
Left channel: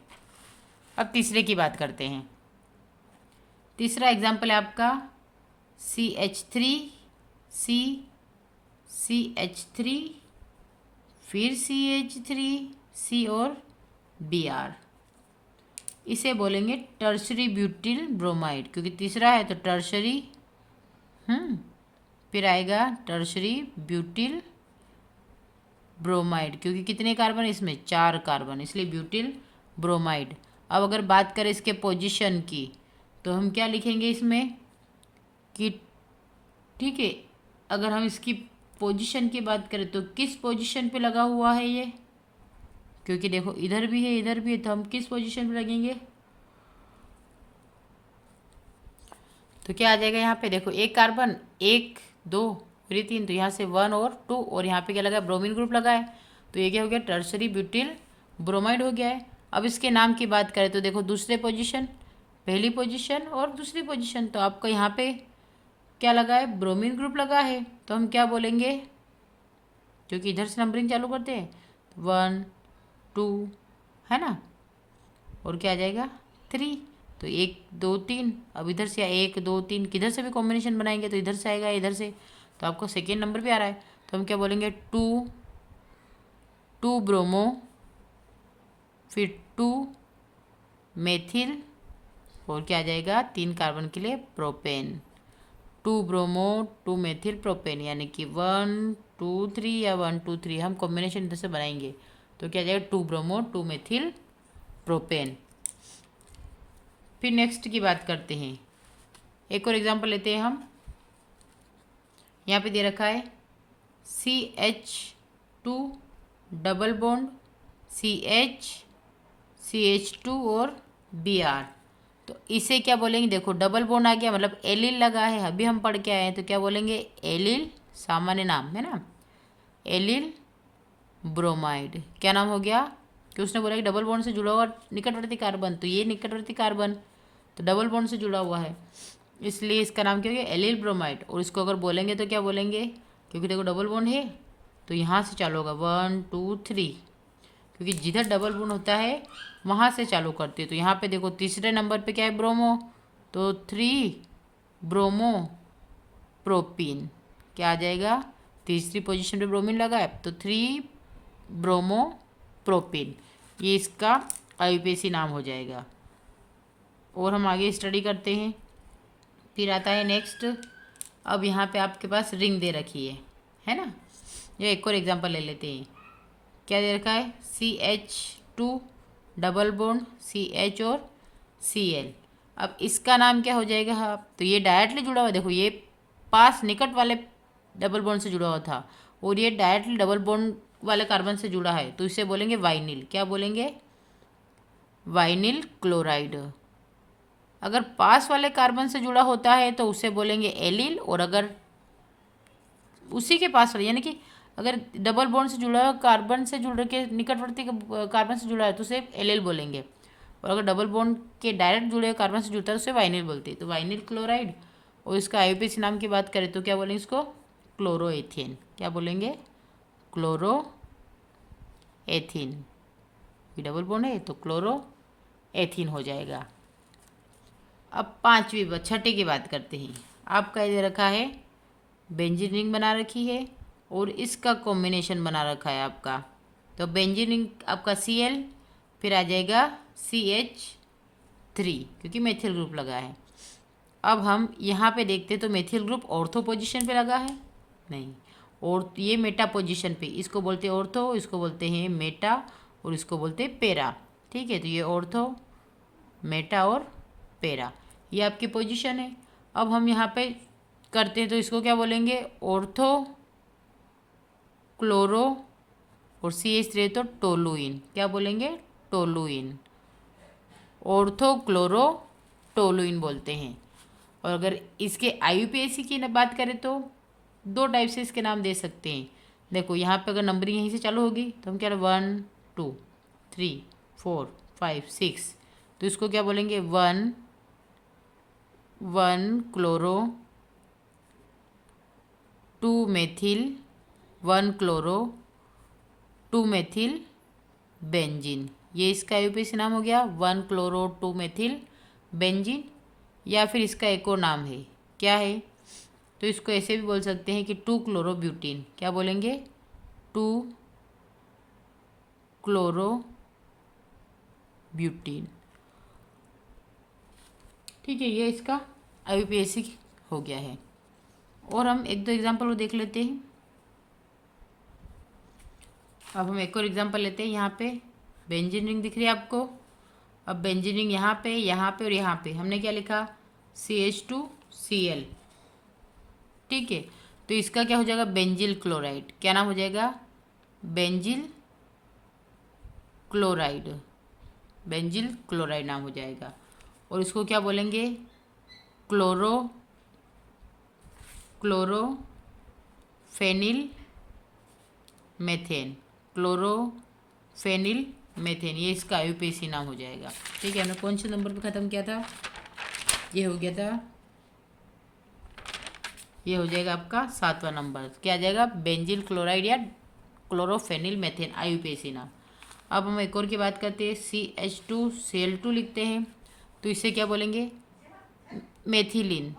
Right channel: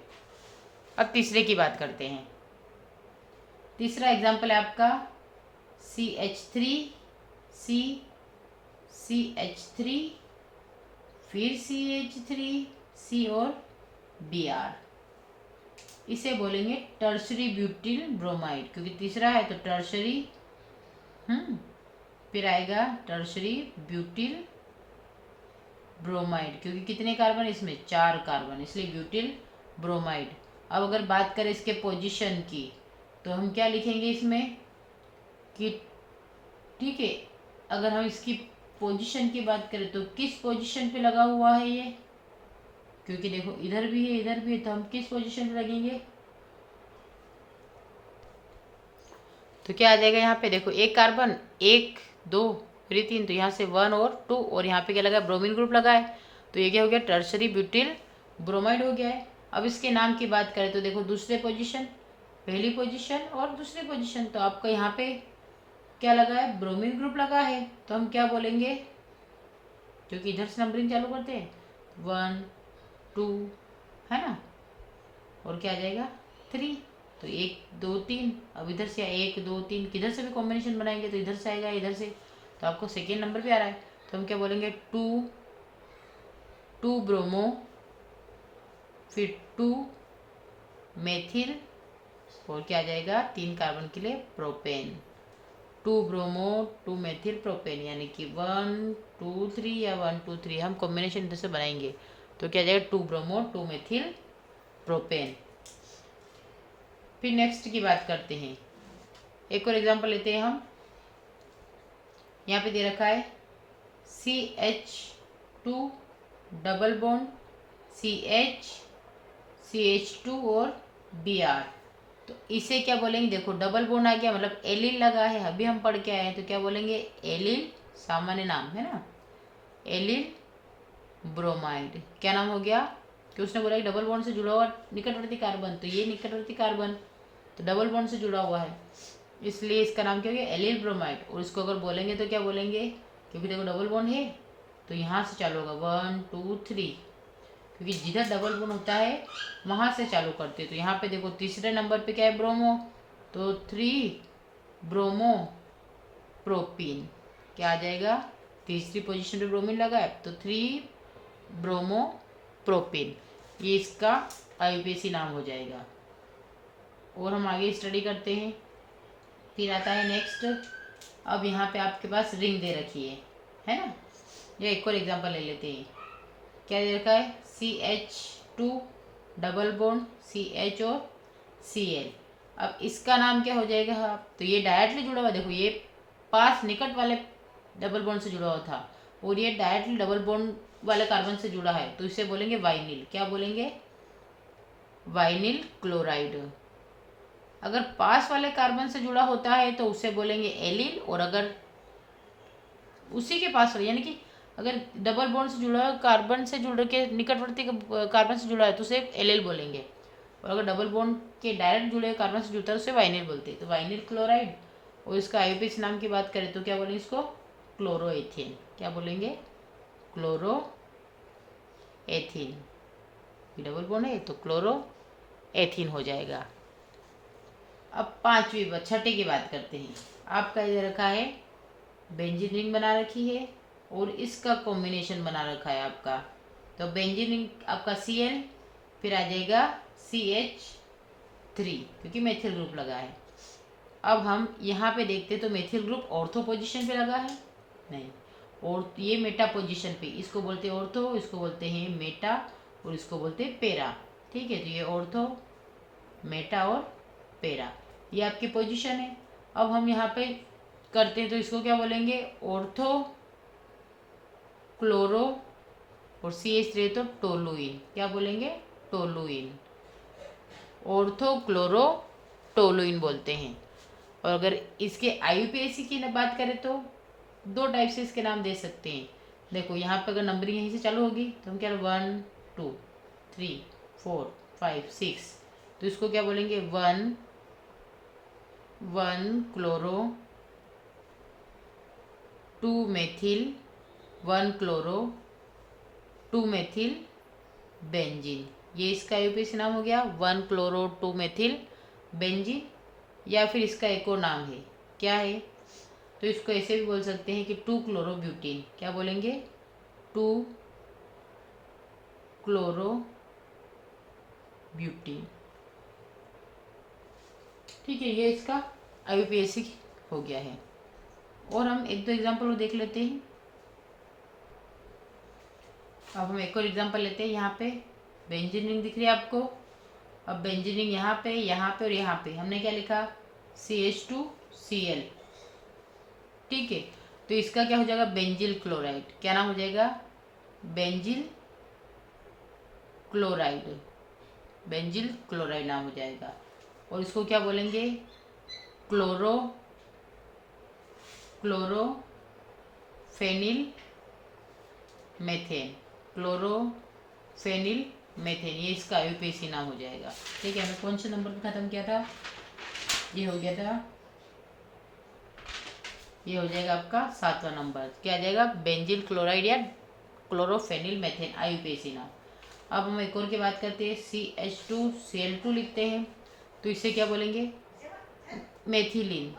अब तीसरे की बात करते हैं। तीसरा एग्जाम्पल है आपका CH3 CH3 फिर CH3 C और Br। इसे बोलेंगे टर्शरी ब्यूटिल ब्रोमाइड, क्योंकि तीसरा है तो टर्शरी, फिर आएगा टर्शरी ब्यूटिल ब्रोमाइड, क्योंकि कितने कार्बन इसमें? 4 कार्बन, इसलिए ब्यूटिल ब्रोमाइड। अब अगर बात करें इसके पोजीशन की तो हम क्या लिखेंगे इसमें कि, ठीक है, अगर हम इसकी पोजीशन की बात करें तो किस पोजीशन पे लगा हुआ है ये? क्योंकि देखो इधर भी है इधर भी है, तो हम किस पोजीशन पे लगेंगे? तो क्या आ जाएगा यहाँ पे? देखो एक कार्बन 1 2 फिर 3, तो यहाँ से 1 और 2 और यहाँ पे क्या लगा? ब्रोमीन ग्रुप लगा है। तो ये क्या हो गया? टर्शरी ब्यूटिल ब्रोमाइड हो गया है। अब इसके नाम की बात करें तो देखो दूसरे पोजीशन, पहली पोजीशन और दूसरी पोजीशन, तो आपको यहाँ पे क्या लगा है? ब्रोमीन ग्रुप लगा है। तो हम क्या बोलेंगे? क्योंकि इधर से नंबरिंग चालू करते हैं, 1 2 है ना, और क्या आ जाएगा? 3। तो 1 2 3, अब इधर से 1 2 3 किधर से भी कॉम्बिनेशन बनाएंगे तो इधर से आएगा, इधर से, तो आपको सेकेंड नंबर पे आ रहा है। तो हम क्या बोलेंगे? 2 ब्रोमो फिर 2 मेथिल और क्या आ जाएगा? 3 कार्बन के लिए प्रोपेन। 2 ब्रोमो 2 मेथिल प्रोपेन, यानी कि 1 2 3 या 1 2 3 हम कॉम्बिनेशन इधर से बनाएंगे तो क्या आ जाएगा? 2 ब्रोमो 2 मेथिल प्रोपेन। फिर नेक्स्ट की बात करते हैं। एक और एग्जांपल लेते हैं हम। यहाँ पे दे रखा है CH2 डबल बॉन्ड CH2 और Br। तो इसे क्या बोलेंगे? देखो डबल बॉन्ड आ गया मतलब एलिल लगा है, अभी हम पढ़ के आए हैं, तो क्या बोलेंगे? एलिल, सामान्य नाम है ना, एलिल ब्रोमाइड। क्या नाम हो गया? कि उसने बोला कि डबल बॉन्ड से जुड़ा हुआ निकटवर्ती कार्बन, तो ये निकटवर्ती कार्बन तो डबल बॉन्ड से जुड़ा हुआ है, इसलिए इसका नाम क्या हो गया? Allyl bromide. और इसको अगर बोलेंगे तो क्या बोलेंगे? क्योंकि देखो डबल बॉन्ड है तो यहाँ से चालू होगा 1 2 3, क्योंकि जिधर डबल बॉन्ड होता है वहाँ से चालू करते हैं। तो यहाँ पे देखो तीसरे नंबर पे क्या है? ब्रोमो, तो 3 ब्रोमो प्रोपीन। क्या आ जाएगा? तीसरी पोजीशन पे ब्रोमीन लगा है तो 3 ब्रोमो प्रोपीन, ये इसका IUPAC नाम हो जाएगा। और हम आगे स्टडी करते हैं। फिर आता है नेक्स्ट। अब यहाँ पे आपके पास रिंग दे रखी है ना, ये एक और एग्जांपल ले लेते हैं। क्या दे रखा है? CH2 डबल बॉन्ड CH और Cl। अब इसका नाम क्या हो जाएगा? तो ये डायरेक्टली जुड़ा हुआ, देखो ये पास निकट वाले डबल बॉन्ड से जुड़ा हुआ था और ये डायरेक्टली डबल बॉन्ड वाले कार्बन से जुड़ा है, तो इसे बोलेंगे वाइनिल। क्या बोलेंगे? Vinyl chloride. अगर पास वाले कार्बन से जुड़ा होता है तो उसे बोलेंगे एलिल, और अगर उसी के पास वाले, यानी कि अगर डबल बॉन्ड से जुड़ा कार्बन से जुड़ के निकटवर्ती कार्बन से जुड़ा है तो उसे एलिल बोलेंगे, और अगर डबल बॉन्ड के डायरेक्ट जुड़े हुए कार्बन से जुड़ता है उसे वाइनिल बोलते हैं। तो वाइनिल क्लोराइड। और इसका IUPAC नाम की बात करें तो क्या बोलेंगे? इसको क्लोरोएथेन। क्या बोलेंगे? क्लोरोएथीन। ये डबल बॉन्ड है तो क्लोरोएथीन हो जाएगा। अब छठे की बात करते हैं। आपका इधर रखा है बेंजीन रिंग बना रखी है और इसका कॉम्बिनेशन बना रखा है आपका। तो बेंजीन रिंग आपका Cl, फिर आ जाएगा CH3 क्योंकि मेथिल ग्रुप लगा है। अब हम यहाँ पे देखते तो मेथिल ग्रुप ऑर्थो पोजीशन पे लगा है नहीं, और ये मेटा पोजीशन पे, इसको बोलते हैं ऑर्थो, इसको बोलते हैं मेटा और इसको बोलते हैं पेरा। ठीक है, तो ये ऑर्थो, मेटा और पेरा, ये आपकी पोजीशन है। अब हम यहाँ पे करते हैं तो इसको क्या बोलेंगे? ऑर्थो क्लोरो और CH3 तो टोलुइन। क्या बोलेंगे? टोलुइन। ऑर्थो क्लोरो टोलुइन बोलते हैं। और अगर इसके IUPAC की बात करें तो दो टाइप से इसके नाम दे सकते हैं। देखो यहाँ पे अगर नंबरिंग यहीं से चालू होगी तो हम क्या 1 2 3 4 5 6, तो इसको क्या बोलेंगे? 1 chloro, 2 methyl, 1 chloro, 2 methyl benzene. ये इसका IUPAC नाम हो गया 1 क्लोरो 2 मेथिल बेंजीन। या फिर इसका एक और नाम है, क्या है? तो इसको ऐसे भी बोल सकते हैं कि 2 क्लोरो ब्यूटीन। क्या बोलेंगे? 2 क्लोरो ब्यूटीन। ठीक है, ये इसका IUPAC हो गया है। और हम एक दो एग्जाम्पल देख लेते हैं। अब हम एक और एग्जाम्पल लेते हैं। यहाँ पे बेंजीन रिंग दिख रही है आपको। अब बेंजीन रिंग यहाँ पे और यहाँ पे हमने क्या लिखा? CH2Cl। ठीक है, तो इसका क्या हो जाएगा? Benzyl chloride. क्या नाम हो जाएगा? Benzyl chloride. बेंजिल क्लोराइड नाम हो जाएगा। और इसको क्या बोलेंगे? क्लोरोफेनिल मेथेन। क्लोरोफेनिल मेथेन, ये इसका IUPAC नाम हो जाएगा। ठीक है, हमने कौन से नंबर पे ख़त्म किया था? ये हो गया था, ये हो जाएगा आपका 7वां नंबर। क्या आ जाएगा? बेंजिल क्लोराइड या क्लोरोफेनिल मेथेन, IUPAC नाम। अब हम एक और की बात करते हैं। CH2Cl2 लिखते हैं तो इसे क्या बोलेंगे? मेथिलीन।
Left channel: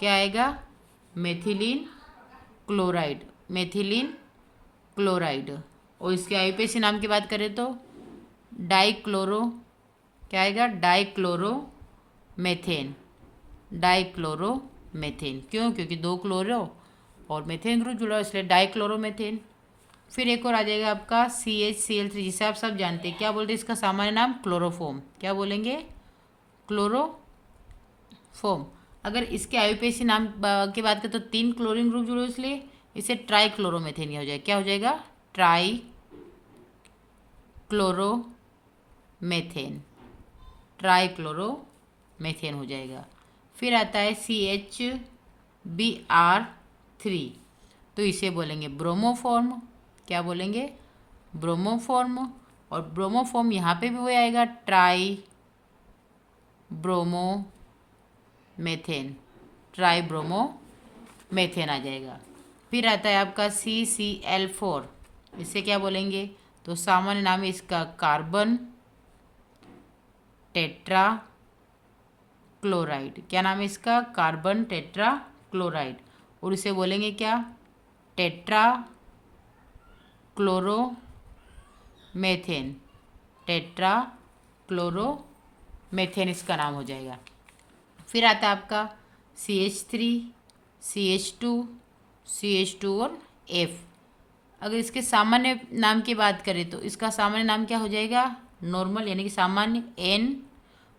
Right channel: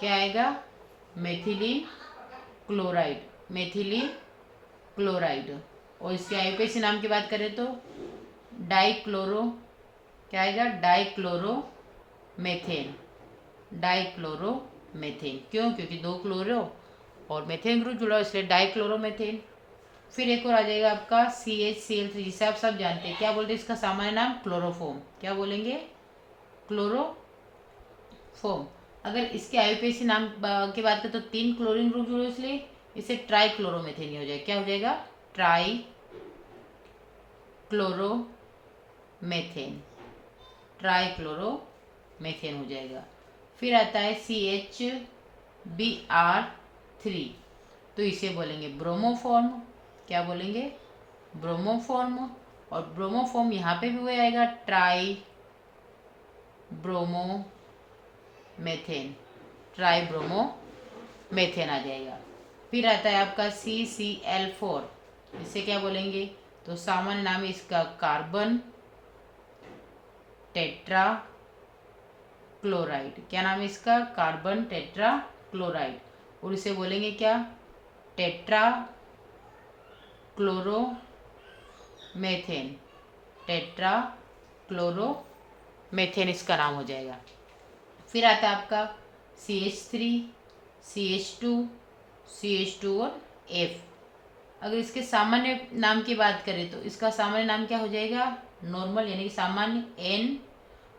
क्या आएगा? Methylene chloride. Methylene chloride. और इसके IUPAC नाम की बात करें तो डाइक्लोरो। क्या आएगा? Dichloro methane. Dichloro methane. क्यों? क्योंकि 2 क्लोरो और मेथेन ग्रुप जुड़ा, इसलिए डाइक्लोरो मेथेन। फिर एक और आ जाएगा आपका CHCl3, जिसे आप सब जानते हैं। क्या बोलते हैं इसका सामान्य नाम? क्लोरोफॉर्म। क्या बोलेंगे? क्लोरोफॉर्म। अगर इसके IUPAC नाम की बात करें तो 3 क्लोरीन ग्रुप जुड़े, इसलिए इसे ट्राइक्लोरोमेथेन हो जाएगा। क्या हो जाएगा? ट्राइक्लोरोमेथेन। ट्राइक्लोरोमेथेन हो जाएगा। फिर आता है CHBr3, तो इसे बोलेंगे ब्रोमोफॉर्म। क्या बोलेंगे? ब्रोमोफॉर्म। और ब्रोमोफॉर्म यहाँ पे भी वो आएगा, ट्राई ब्रोमोमेथेन। ट्राई ब्रोमोमेथेन आ जाएगा। फिर आता है आपका CCl4, इसे क्या बोलेंगे? तो सामान्य नाम है इसका कार्बन टेट्रा क्लोराइड। क्या नाम है इसका? Carbon tetra chloride. और इसे बोलेंगे क्या? Tetra chloromethane. टेट्रा क्लोरोमेथेन इसका नाम हो जाएगा। फिर आता है आपका CH3, CH2 और F। अगर इसके सामान्य नाम की बात करें तो इसका सामान्य नाम क्या हो जाएगा? नॉर्मल, यानी कि सामान्य N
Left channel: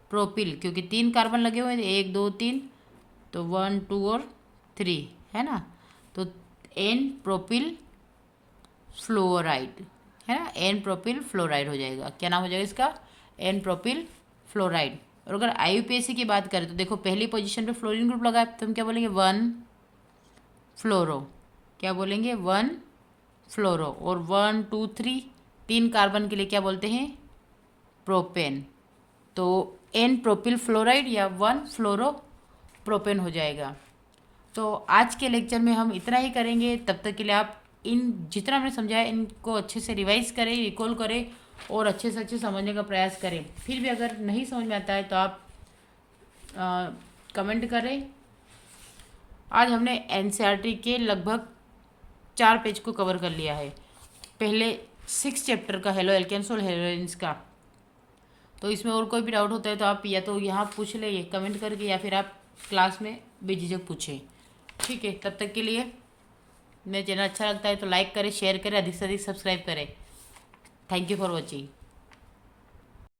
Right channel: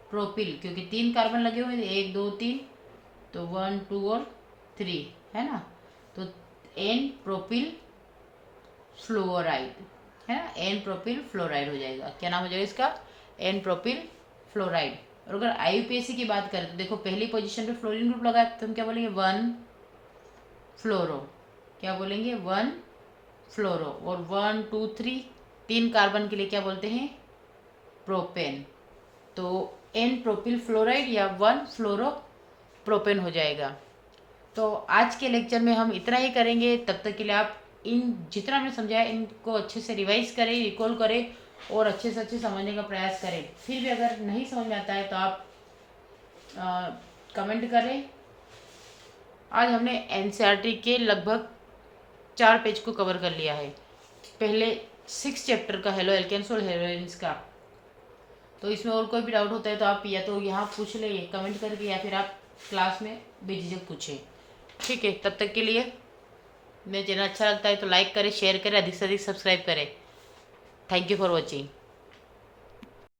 प्रोपिल, क्योंकि 3 कार्बन लगे हुए हैं, 1 2 3, तो 1 2 और 3 है ना। तो N प्रोपिल फ्लोराइड है ना, N प्रोपिल फ्लोराइड हो जाएगा। क्या नाम हो जाएगा इसका? N propyl fluoride. और अगर IUPAC की बात करें तो देखो पहली पोजीशन पे फ्लोरीन ग्रुप लगा है, तो हम क्या बोलेंगे? 1 फ्लोरो। क्या बोलेंगे? 1 फ्लोरो। और 1 2 3, 3 कार्बन के लिए क्या बोलते हैं? प्रोपेन। तो N प्रोपिल फ्लोराइड या 1 फ्लोरो प्रोपेन हो जाएगा। तो आज के लेक्चर में हम इतना ही करेंगे। तब तक के लिए आप इन जितना मैंने समझाया इनको अच्छे से रिवाइज करें, रिकॉल करें और अच्छे से अच्छे समझने का प्रयास करें। फिर भी अगर नहीं समझ में आता है तो आप कमेंट करें। आज हमने एनसीईआरटी के लगभग 4 पेज को कवर कर लिया है, पहले 6 चैप्टर का हेलो एल्केन्स और हेलोजेन्स का। तो इसमें और कोई भी डाउट होता है तो आप या तो यहाँ पूछ ले कमेंट करके, या फिर आप क्लास में बेझिझक पूछें। ठीक है, तब तक के लिए मेरा चैनल अच्छा लगता है तो लाइक करें, शेयर करें, अधिक से अधिक सब्सक्राइब करें। Thank you for watching.